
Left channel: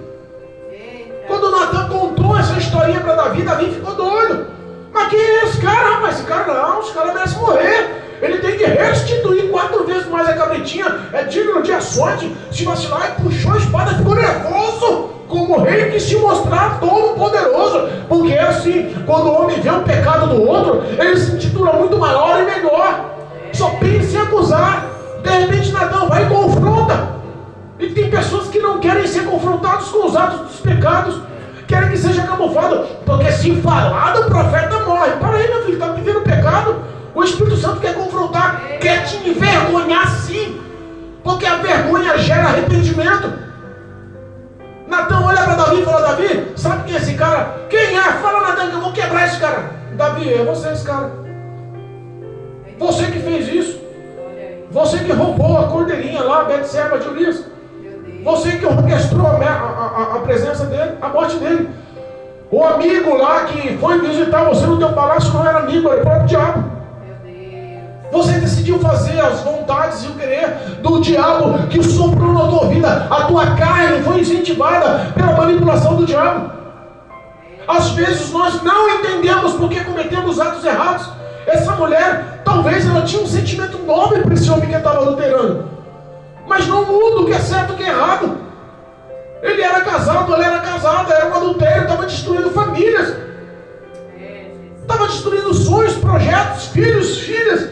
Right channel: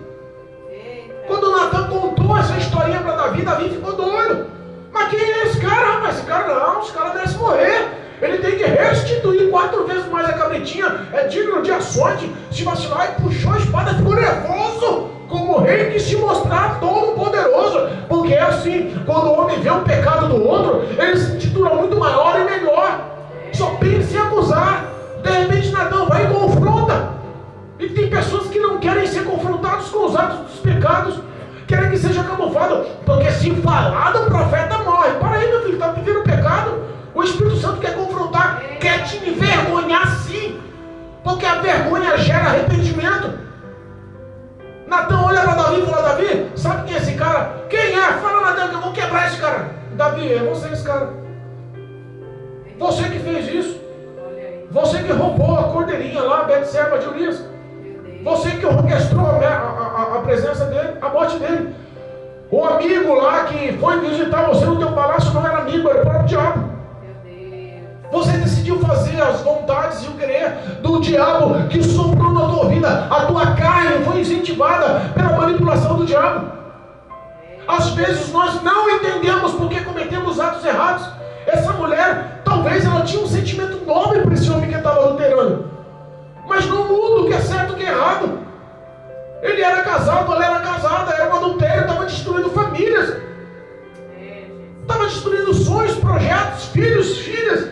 Quando Natan contou essa historinha para Davi, Davi ficou doido. Mas quem é esse cara, rapaz? Esse cara não, esse cara merece morrer. Ele tem que restituir 4 vezes mais a cabritinha, é digno de açoite. Se vacilar, e puxou a espada, ficou nervoso, como rei que se mostrar todo poderoso. Porque é assim, quando o homem vê o pecado do outro, ele se intitula muito maior e melhor. Só pensa em acusar. De repente Natan vai e confronta. E tem pessoas que não querem ser confrontados com os atos dos pecados, querem que seja camuflado, porque se falar do profeta morre. Para aí, meu filho, está vivendo pecado. O Espírito Santo quer confrontar, quer te envergonhar sim, porque a vergonha gera arrependimento. Natan olha para Davi e fala: Davi, sabe quem é esse cara? Quem é? Fala, Natan, que eu vou quebrar esse cara. Davi, é você esse cara. Você que fez isso. Você que roubou a cordeirinha lá, Betseba de Urias. Você que orquestrou a presença dele, a morte dele. O amigo lá que foi visitar você no teu palácio não era amigo, era o próprio diabo. Você decidiu decidiu fazer as vontades e o querer do diabo que soprou na tua vida. A tua carne foi incentivada pela manipulação do diabo. Às vezes nós não entendemos porque cometemos atos errados. Essa mulher, talvez ela tinha um sentimento nobre para esse homem que estava adulterando, mas não muda o que é certo e o que é errado. Ele era casado, ela era casada, era um adultério, estava destruindo famílias, estava destruindo sonhos, projetos, filhos, filhas.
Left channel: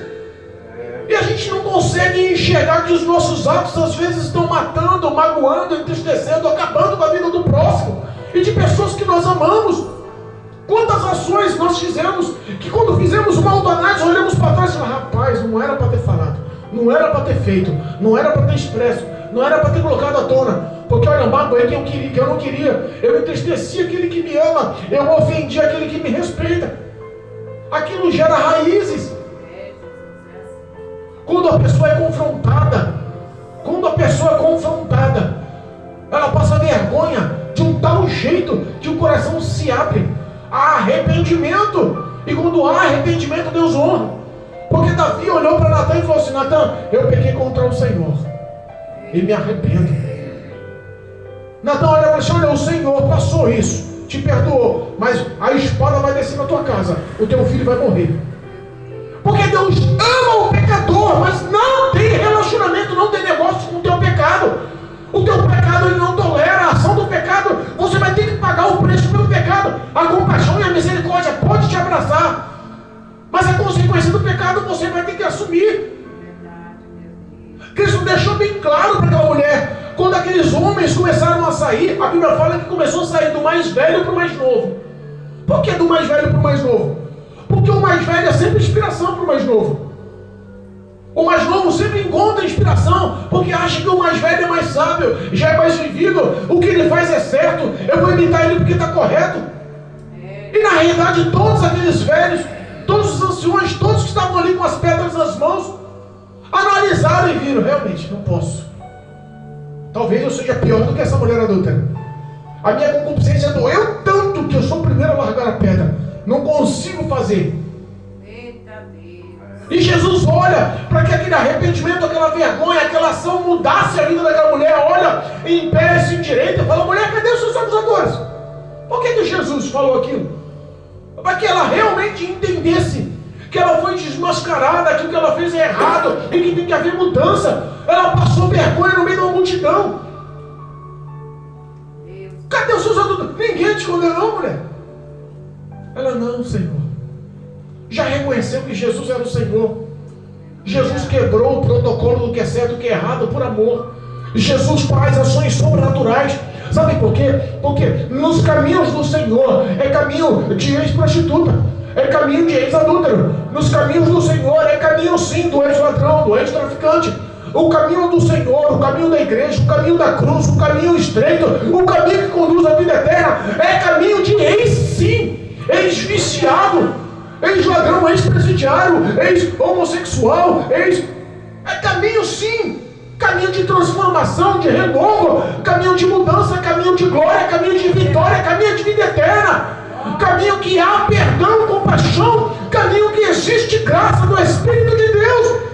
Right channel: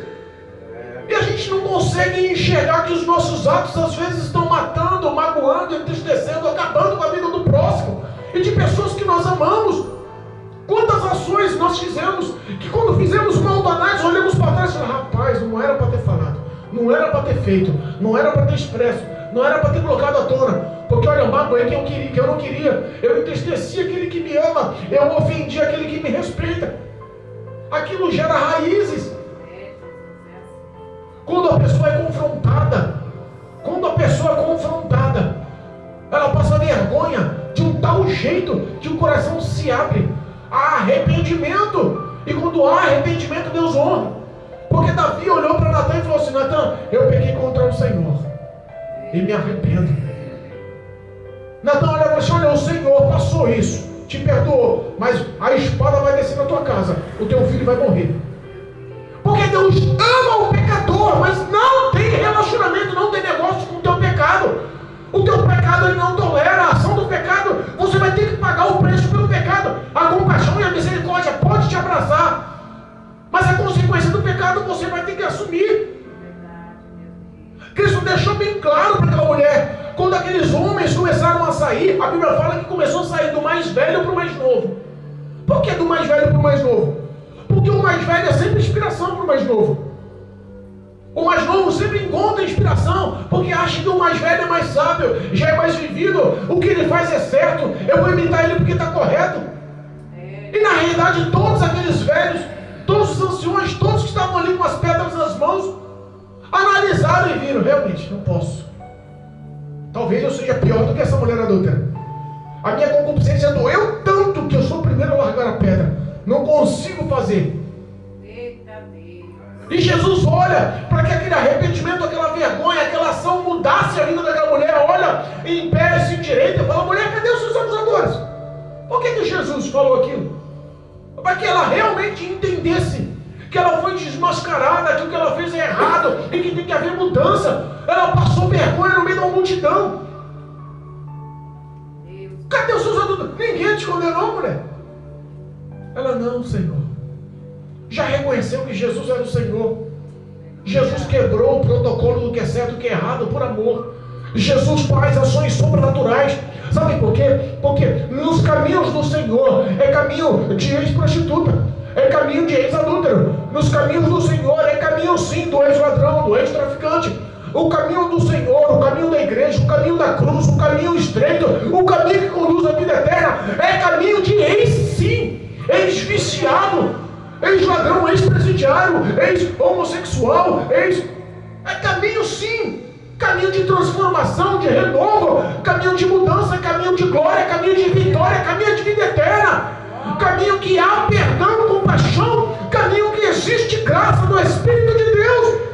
E a gente não consegue enxergar que os nossos atos às vezes estão matando, magoando, entristecendo, acabando com a vida do próximo e de pessoas que nós amamos. Quantas ações nós fizemos que quando fizemos mal danado, olhamos para trás e falamos: rapaz, não era para ter falado, não era para ter feito, não era para ter expresso, não era para ter colocado à tona, porque olha, magoei quem eu queria, que eu não queria, eu entristeci aquele que me ama, eu ofendi aquele que me respeita. Aquilo gera raízes. Quando a pessoa é confrontada, ela passa vergonha de um tal jeito que o coração se abre. Há arrependimento. E quando há arrependimento, Deus honra. Porque Davi olhou para Natan e falou assim: Natan, eu pequei contra o Senhor e me arrependo. Natan olha para você: olha, o Senhor passou isso, te perdoou, mas a espada vai descer na tua casa, o teu filho vai morrer. Porque Deus ama o pecador, mas não tem relacionamento, não tem negócio com o teu pecado. O teu pecado ele não tolera, a ação do pecado, você vai ter que pagar o preço pelo pecado. A compaixão e a misericórdia pode te abraçar, mas a consequência do pecado você vai ter que assumir. Cristo deixou bem claro para aquela mulher. Quando aqueles homens começaram a sair, a Bíblia fala que começou a sair do mais velho para o mais novo. Por que do mais velho para o mais novo? Porque o mais velho é sempre inspiração para o mais novo. O mais novo sempre encontra inspiração, porque acha que o mais velho é mais sábio, já é mais vivido, o que ele faz é certo, eu vou imitar ele porque está correto. E na realidade todos aqueles velhos, todos os anciões, todos que estavam ali com as pedras nas mãos, analisaram e viram: realmente, não posso. Talvez eu seja pior do que essa mulher adúltera. A minha concupiscência doeu tanto que eu sou o primeiro a largar a pedra. Não consigo fazer. E Jesus olha para que aquele arrependimento, aquela vergonha, aquela ação mudasse a vida daquela mulher. Olha, em pé, se endireita e fala: mulher, cadê os seus acusadores? Por que Jesus falou aquilo? Para que ela realmente entendesse que ela foi desmascarada, que o que ela fez é errado e que tem que haver mudança. Ela passou vergonha no meio da multidão. Cadê os seus acusadores? Ninguém te condenou, mulher. Ela: não, Senhor. Já reconheceu que Jesus era o Senhor. Jesus quebrou o protocolo do que é certo e do que é errado por amor. Jesus faz ações sobrenaturais. Sabe por quê? Porque nos caminhos do Senhor é caminho de ex-prostituta, é caminho de ex-adúltero. Nos caminhos do Senhor é caminho sim do ex-ladrão, do ex-traficante. O caminho do Senhor, o caminho da igreja, o caminho da cruz, o caminho estreito, o caminho que conduz à vida eterna é caminho de ex-sim, ex-viciado, ex-ladrão, ex-presidiário, ex-homossexual, é caminho sim, caminho de transformação, de renovo, caminho de mudança, caminho de glória, caminho de vitória, caminho de vida eterna, caminho que há perdão, compaixão, caminho que existe graça do Espírito de Deus.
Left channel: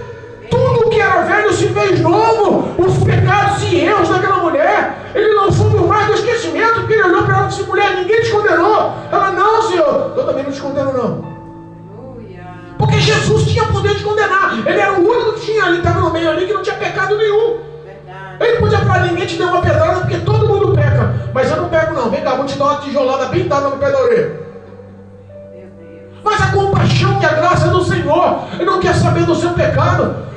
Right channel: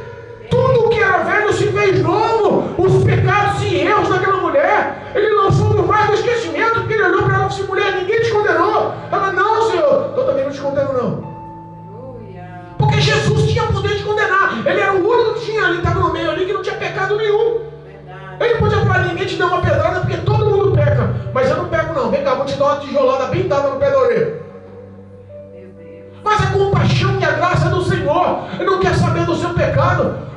Tudo que era velho se fez novo. Os pecados e erros daquela mulher, ele lançou no mar do esquecimento, porque ele olhou para ela e disse: mulher, ninguém te condenou. Ela: não, Senhor, eu também não te condeno não. Porque Jesus tinha poder de condenar. Ele era o único que tinha ali, estava no meio ali, que não tinha pecado nenhum. Ele podia falar: ninguém te deu uma pedrada, porque todo mundo peca. Mas eu não pego não. Vem cá, vou te dar uma tijolada bem dada no pé da orelha. Mas a compaixão e a graça do Senhor, ele não quer saber do seu pecado.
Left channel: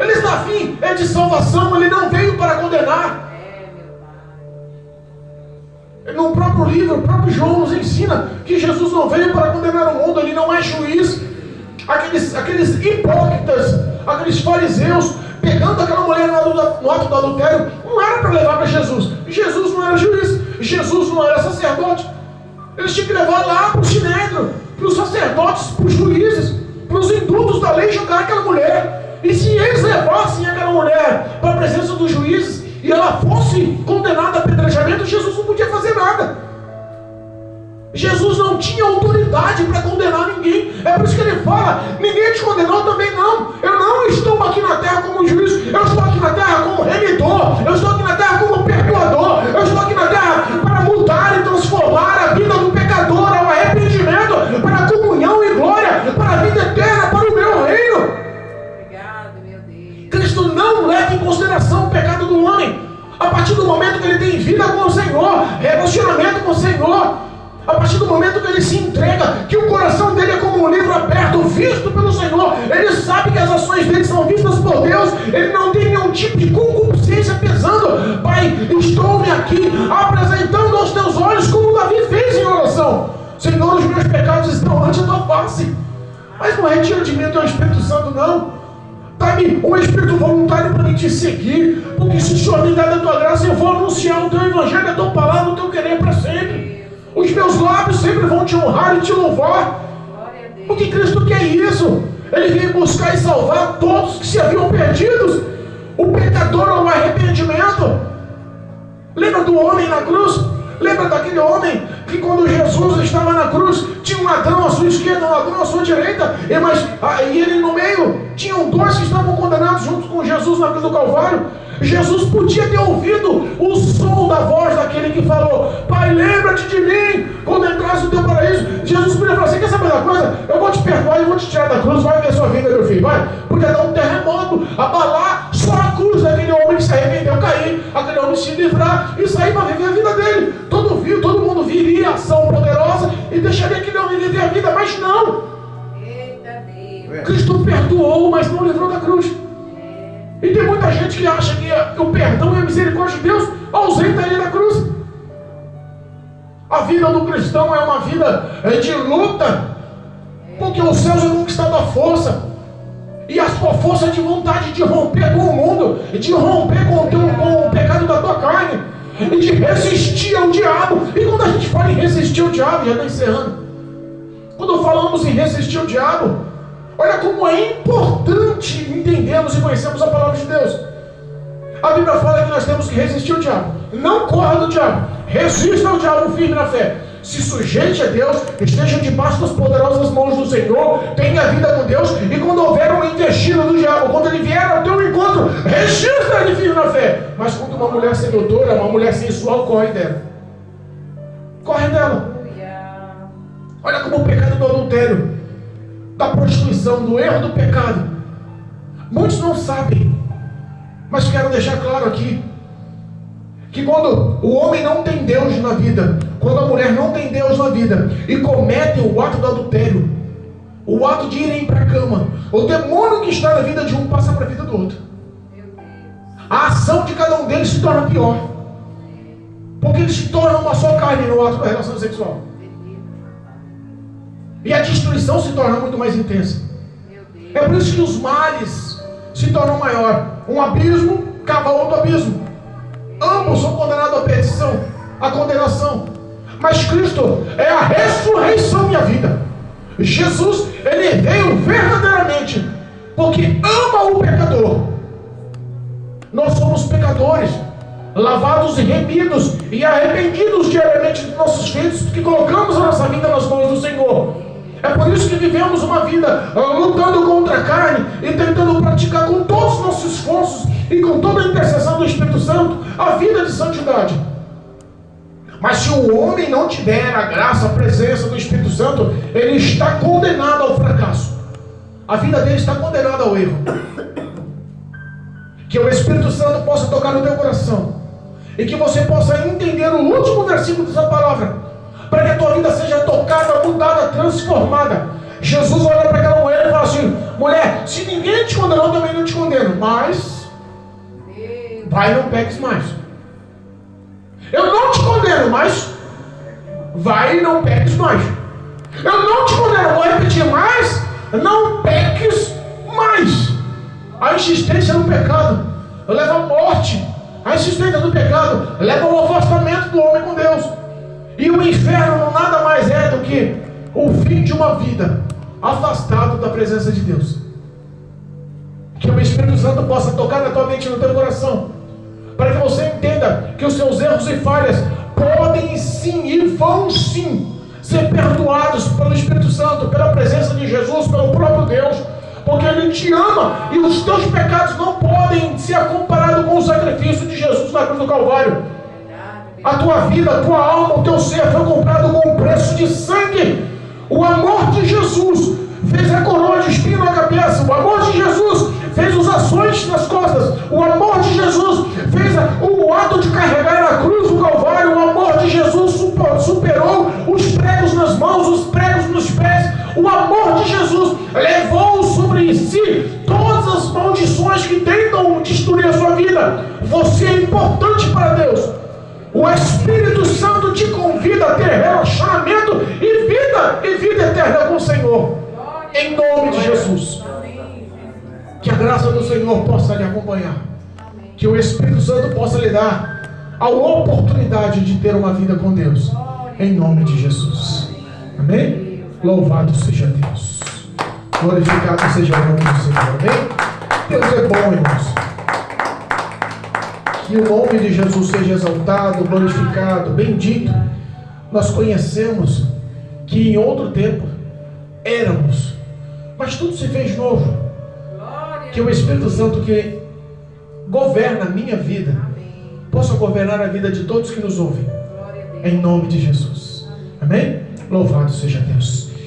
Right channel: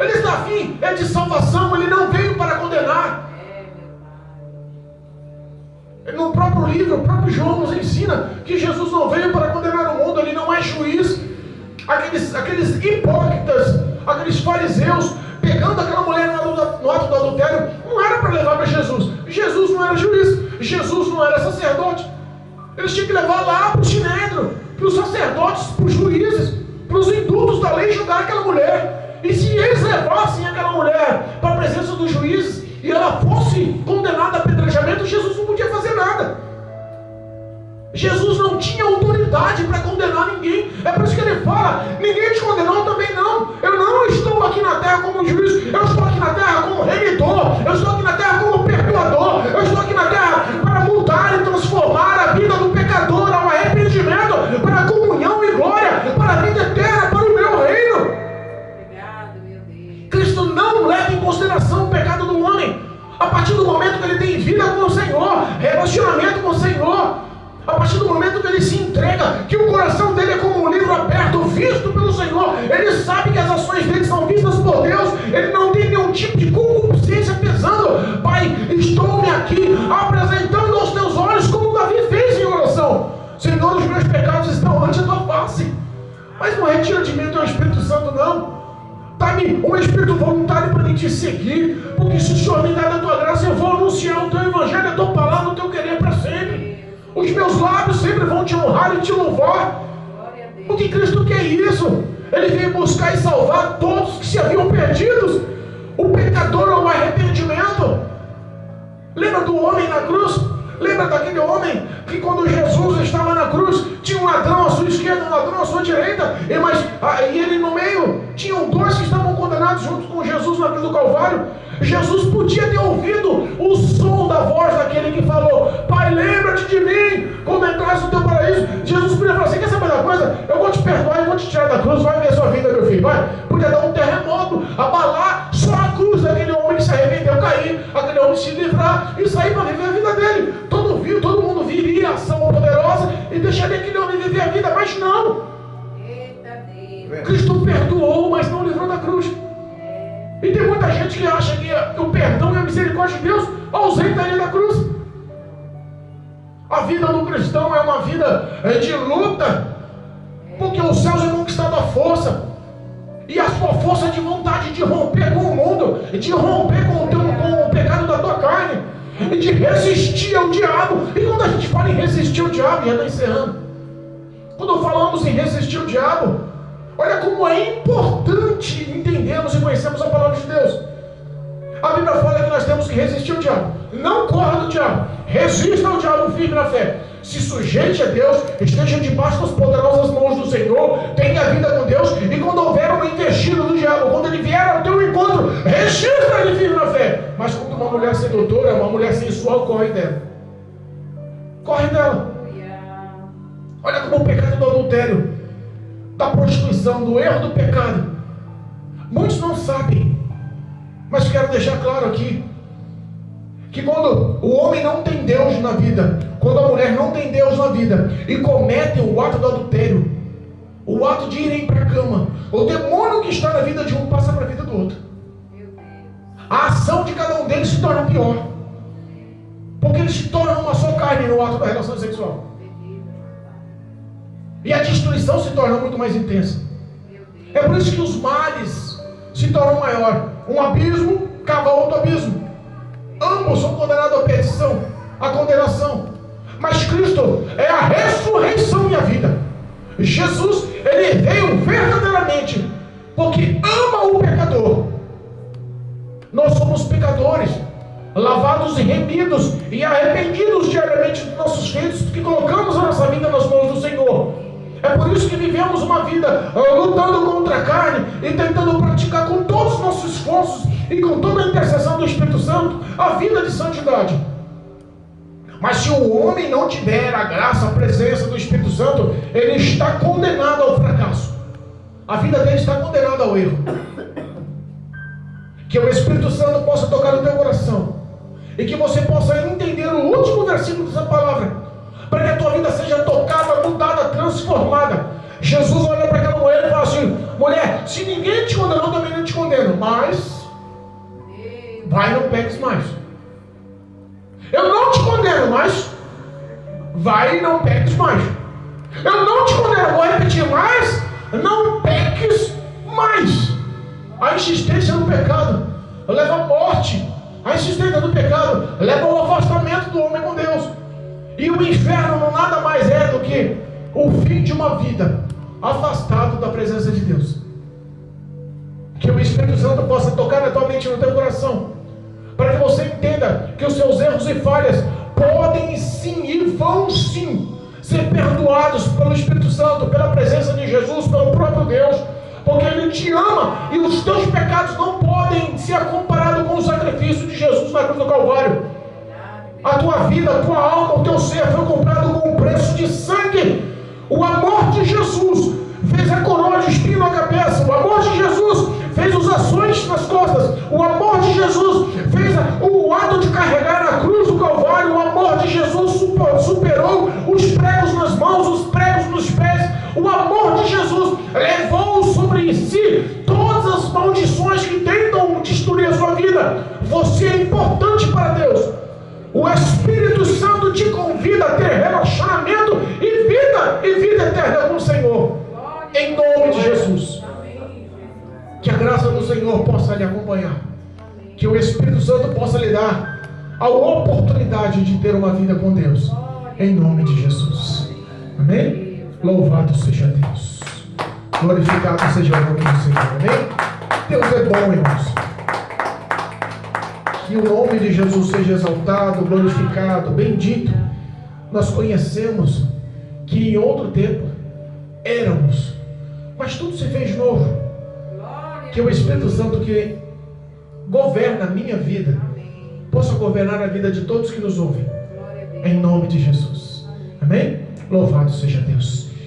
Ele está afim, é de salvação. Ele não veio para condenar. No próprio livro, o próprio João nos ensina que Jesus não veio para condenar o mundo. Ele não é juiz. Aqueles hipócritas, aqueles fariseus, pegando aquela mulher no ato do adultério, não era para levar para Jesus. Jesus não era juiz, Jesus não era sacerdote. Eles tinham que levar lá para o sinédrio, para os sacerdotes, para os juízes, para os indultos da lei, jogar aquela mulher. E se eles levassem aquela mulher para a presença dos juízes e ela fosse condenada a apedrejamento, Jesus não podia fazer nada. Jesus não tinha autoridade para condenar ninguém. É por isso que ele fala: ninguém te condenou, também não. Eu não estou A partir do momento que ele tem vida com o Senhor, relacionamento com o Senhor, a partir do momento que ele se entrega, que o coração dele é como um livro aberto, visto pelo Senhor, ele sabe que as ações dele são vistas por Deus, ele não tem nenhum tipo de concupiscência pesando. Pai, estou-me aqui apresentando aos teus olhos, como Davi fez em oração. Senhor, os meus pecados estão ante a tua face, mas não retira de mim o teu Espírito Santo, não. Dá-me um espírito voluntário para me te seguir, porque se o Senhor me der da tua graça, eu vou anunciar o teu evangelho, a tua palavra, o teu querer para sempre. Os meus lábios sempre vão te honrar e te louvar, porque Cristo quer isso. Ele veio buscar e salvar todos que se haviam perdidos, o pecador ao arrependimento. Lembra do homem na cruz? Lembra daquele homem que quando Jesus estava na cruz, tinha um ladrão à sua esquerda, um ladrão à sua direita, e ele no meio, tinham dois que estavam condenados junto com Jesus na cruz do Calvário. Jesus podia ter ouvido o som da voz daquele que falou: Pai, lembra-te de mim quando entrasse no teu paraíso. Jesus podia falar assim: quer saber da coisa? Eu vou te perdoar e vou te tirar da cruz, vai ver a sua vida, meu filho, vai. Podia dar um terremoto, abalar só a cruz daquele homem que se arrependeu, cair, aquele homem se livrar e sair para viver a vida dele. Todo mundo viria a ação poderosa e deixaria aquele homem viver a vida, mas não. Cristo perdoou, mas não livrou da cruz. E tem muita gente que acha que o perdão e a misericórdia de Deus ausenta ele da cruz. A vida do cristão é uma vida de luta, porque os céus é conquistado à força, e a sua força de vontade de romper com o mundo, de romper com o pecado da tua carne, e de resistir ao diabo. E quando a gente fala em resistir ao diabo, já está encerrando, quando falamos em resistir ao diabo, olha como é importante entendermos e conhecermos a palavra de Deus. A Bíblia fala que nós temos que resistir ao diabo. Não corra do diabo, resista ao diabo firme na fé. Se sujeite a Deus, esteja debaixo das poderosas mãos do Senhor, tenha vida com Deus, e quando houver uma investida do diabo, quando ele vier ao teu encontro, resista ele firme na fé. Mas quando uma mulher sedutora, uma mulher sensual, corre dela. Corre dela. Olha como o pecado do adultério, da prostituição, do erro do pecado, muitos não sabem, mas quero deixar claro aqui, que quando o homem não tem Deus na vida, quando a mulher não tem Deus na vida, e cometem o ato do adultério, o ato de irem para a cama, o demônio que está na vida de um passa para a vida do outro. A ação de cada um deles se torna pior, porque eles se tornam uma só carne no ato da relação sexual. E a destruição se torna muito mais intensa. É por isso que os males se tornam maior. Um abismo cava outro abismo. Ambos são condenados à perdição, à condenação. Mas Cristo é a ressurreição e a vida. Jesus, ele veio verdadeiramente porque ama o pecador. Nós somos pecadores, lavados e remidos e arrependidos diariamente dos nossos feitos, que colocamos a nossa vida nas mãos do Senhor. É por isso que vivemos uma vida lutando contra a carne e tentando praticar com todos os nossos esforços e com toda a intercessão do Espírito Santo a vida de santidade. Mas se o homem não tiver a graça, a presença do Espírito Santo, ele está condenado ao fracasso. A vida dele está condenada ao erro. Que o Espírito Santo possa tocar no teu coração e que você possa entender o último versículo dessa palavra, para que a tua vida seja tocada, mudada, transformada. Jesus olha para aquela mulher e fala assim: mulher, se ninguém te condenou, eu também não te condeno, mas vai e não peques mais. Eu não te condeno, mas vai e não peques mais. Eu não te condeno, vou repetir mais, não peques mais. A insistência no pecado leva à morte. A insistência do pecado leva ao afastamento do homem com Deus. E o inferno nada mais é do que o fim de uma vida afastado da presença de Deus. Que o Espírito Santo possa tocar na tua mente e no teu coração, para que você entenda que os seus erros e falhas podem sim e vão sim ser perdoados pelo Espírito Santo, pela presença de Jesus, pelo próprio Deus, porque Ele te ama e os teus pecados não podem ser comparados com o sacrifício de Jesus na cruz do Calvário. A tua vida, a tua alma, o teu ser foi comprado com um preço de sangue. O amor de Jesus fez a coroa de espinho na cabeça. O amor de Jesus fez os açoites nas costas. O amor de Jesus fez o ato vida, você é importante para Deus. O Espírito Santo te convida a ter relacionamento e vida eterna com o Senhor. Em nome de Jesus. Que a graça do Senhor possa lhe acompanhar. Que o Espírito Santo possa lhe dar a oportunidade de ter uma vida com Deus. Em nome de Jesus. Amém? Louvado seja Deus. Glorificado seja o nome do Senhor. Amém? Deus é bom, irmãos. Que o nome de Jesus seja exaltado, glorificado, bendito. Nós conhecemos que em outro tempo éramos, mas tudo se fez novo. Que o Espírito Santo que governa a minha vida possa governar a vida de todos que nos ouvem. Em nome de Jesus. Amém? Louvado seja Deus.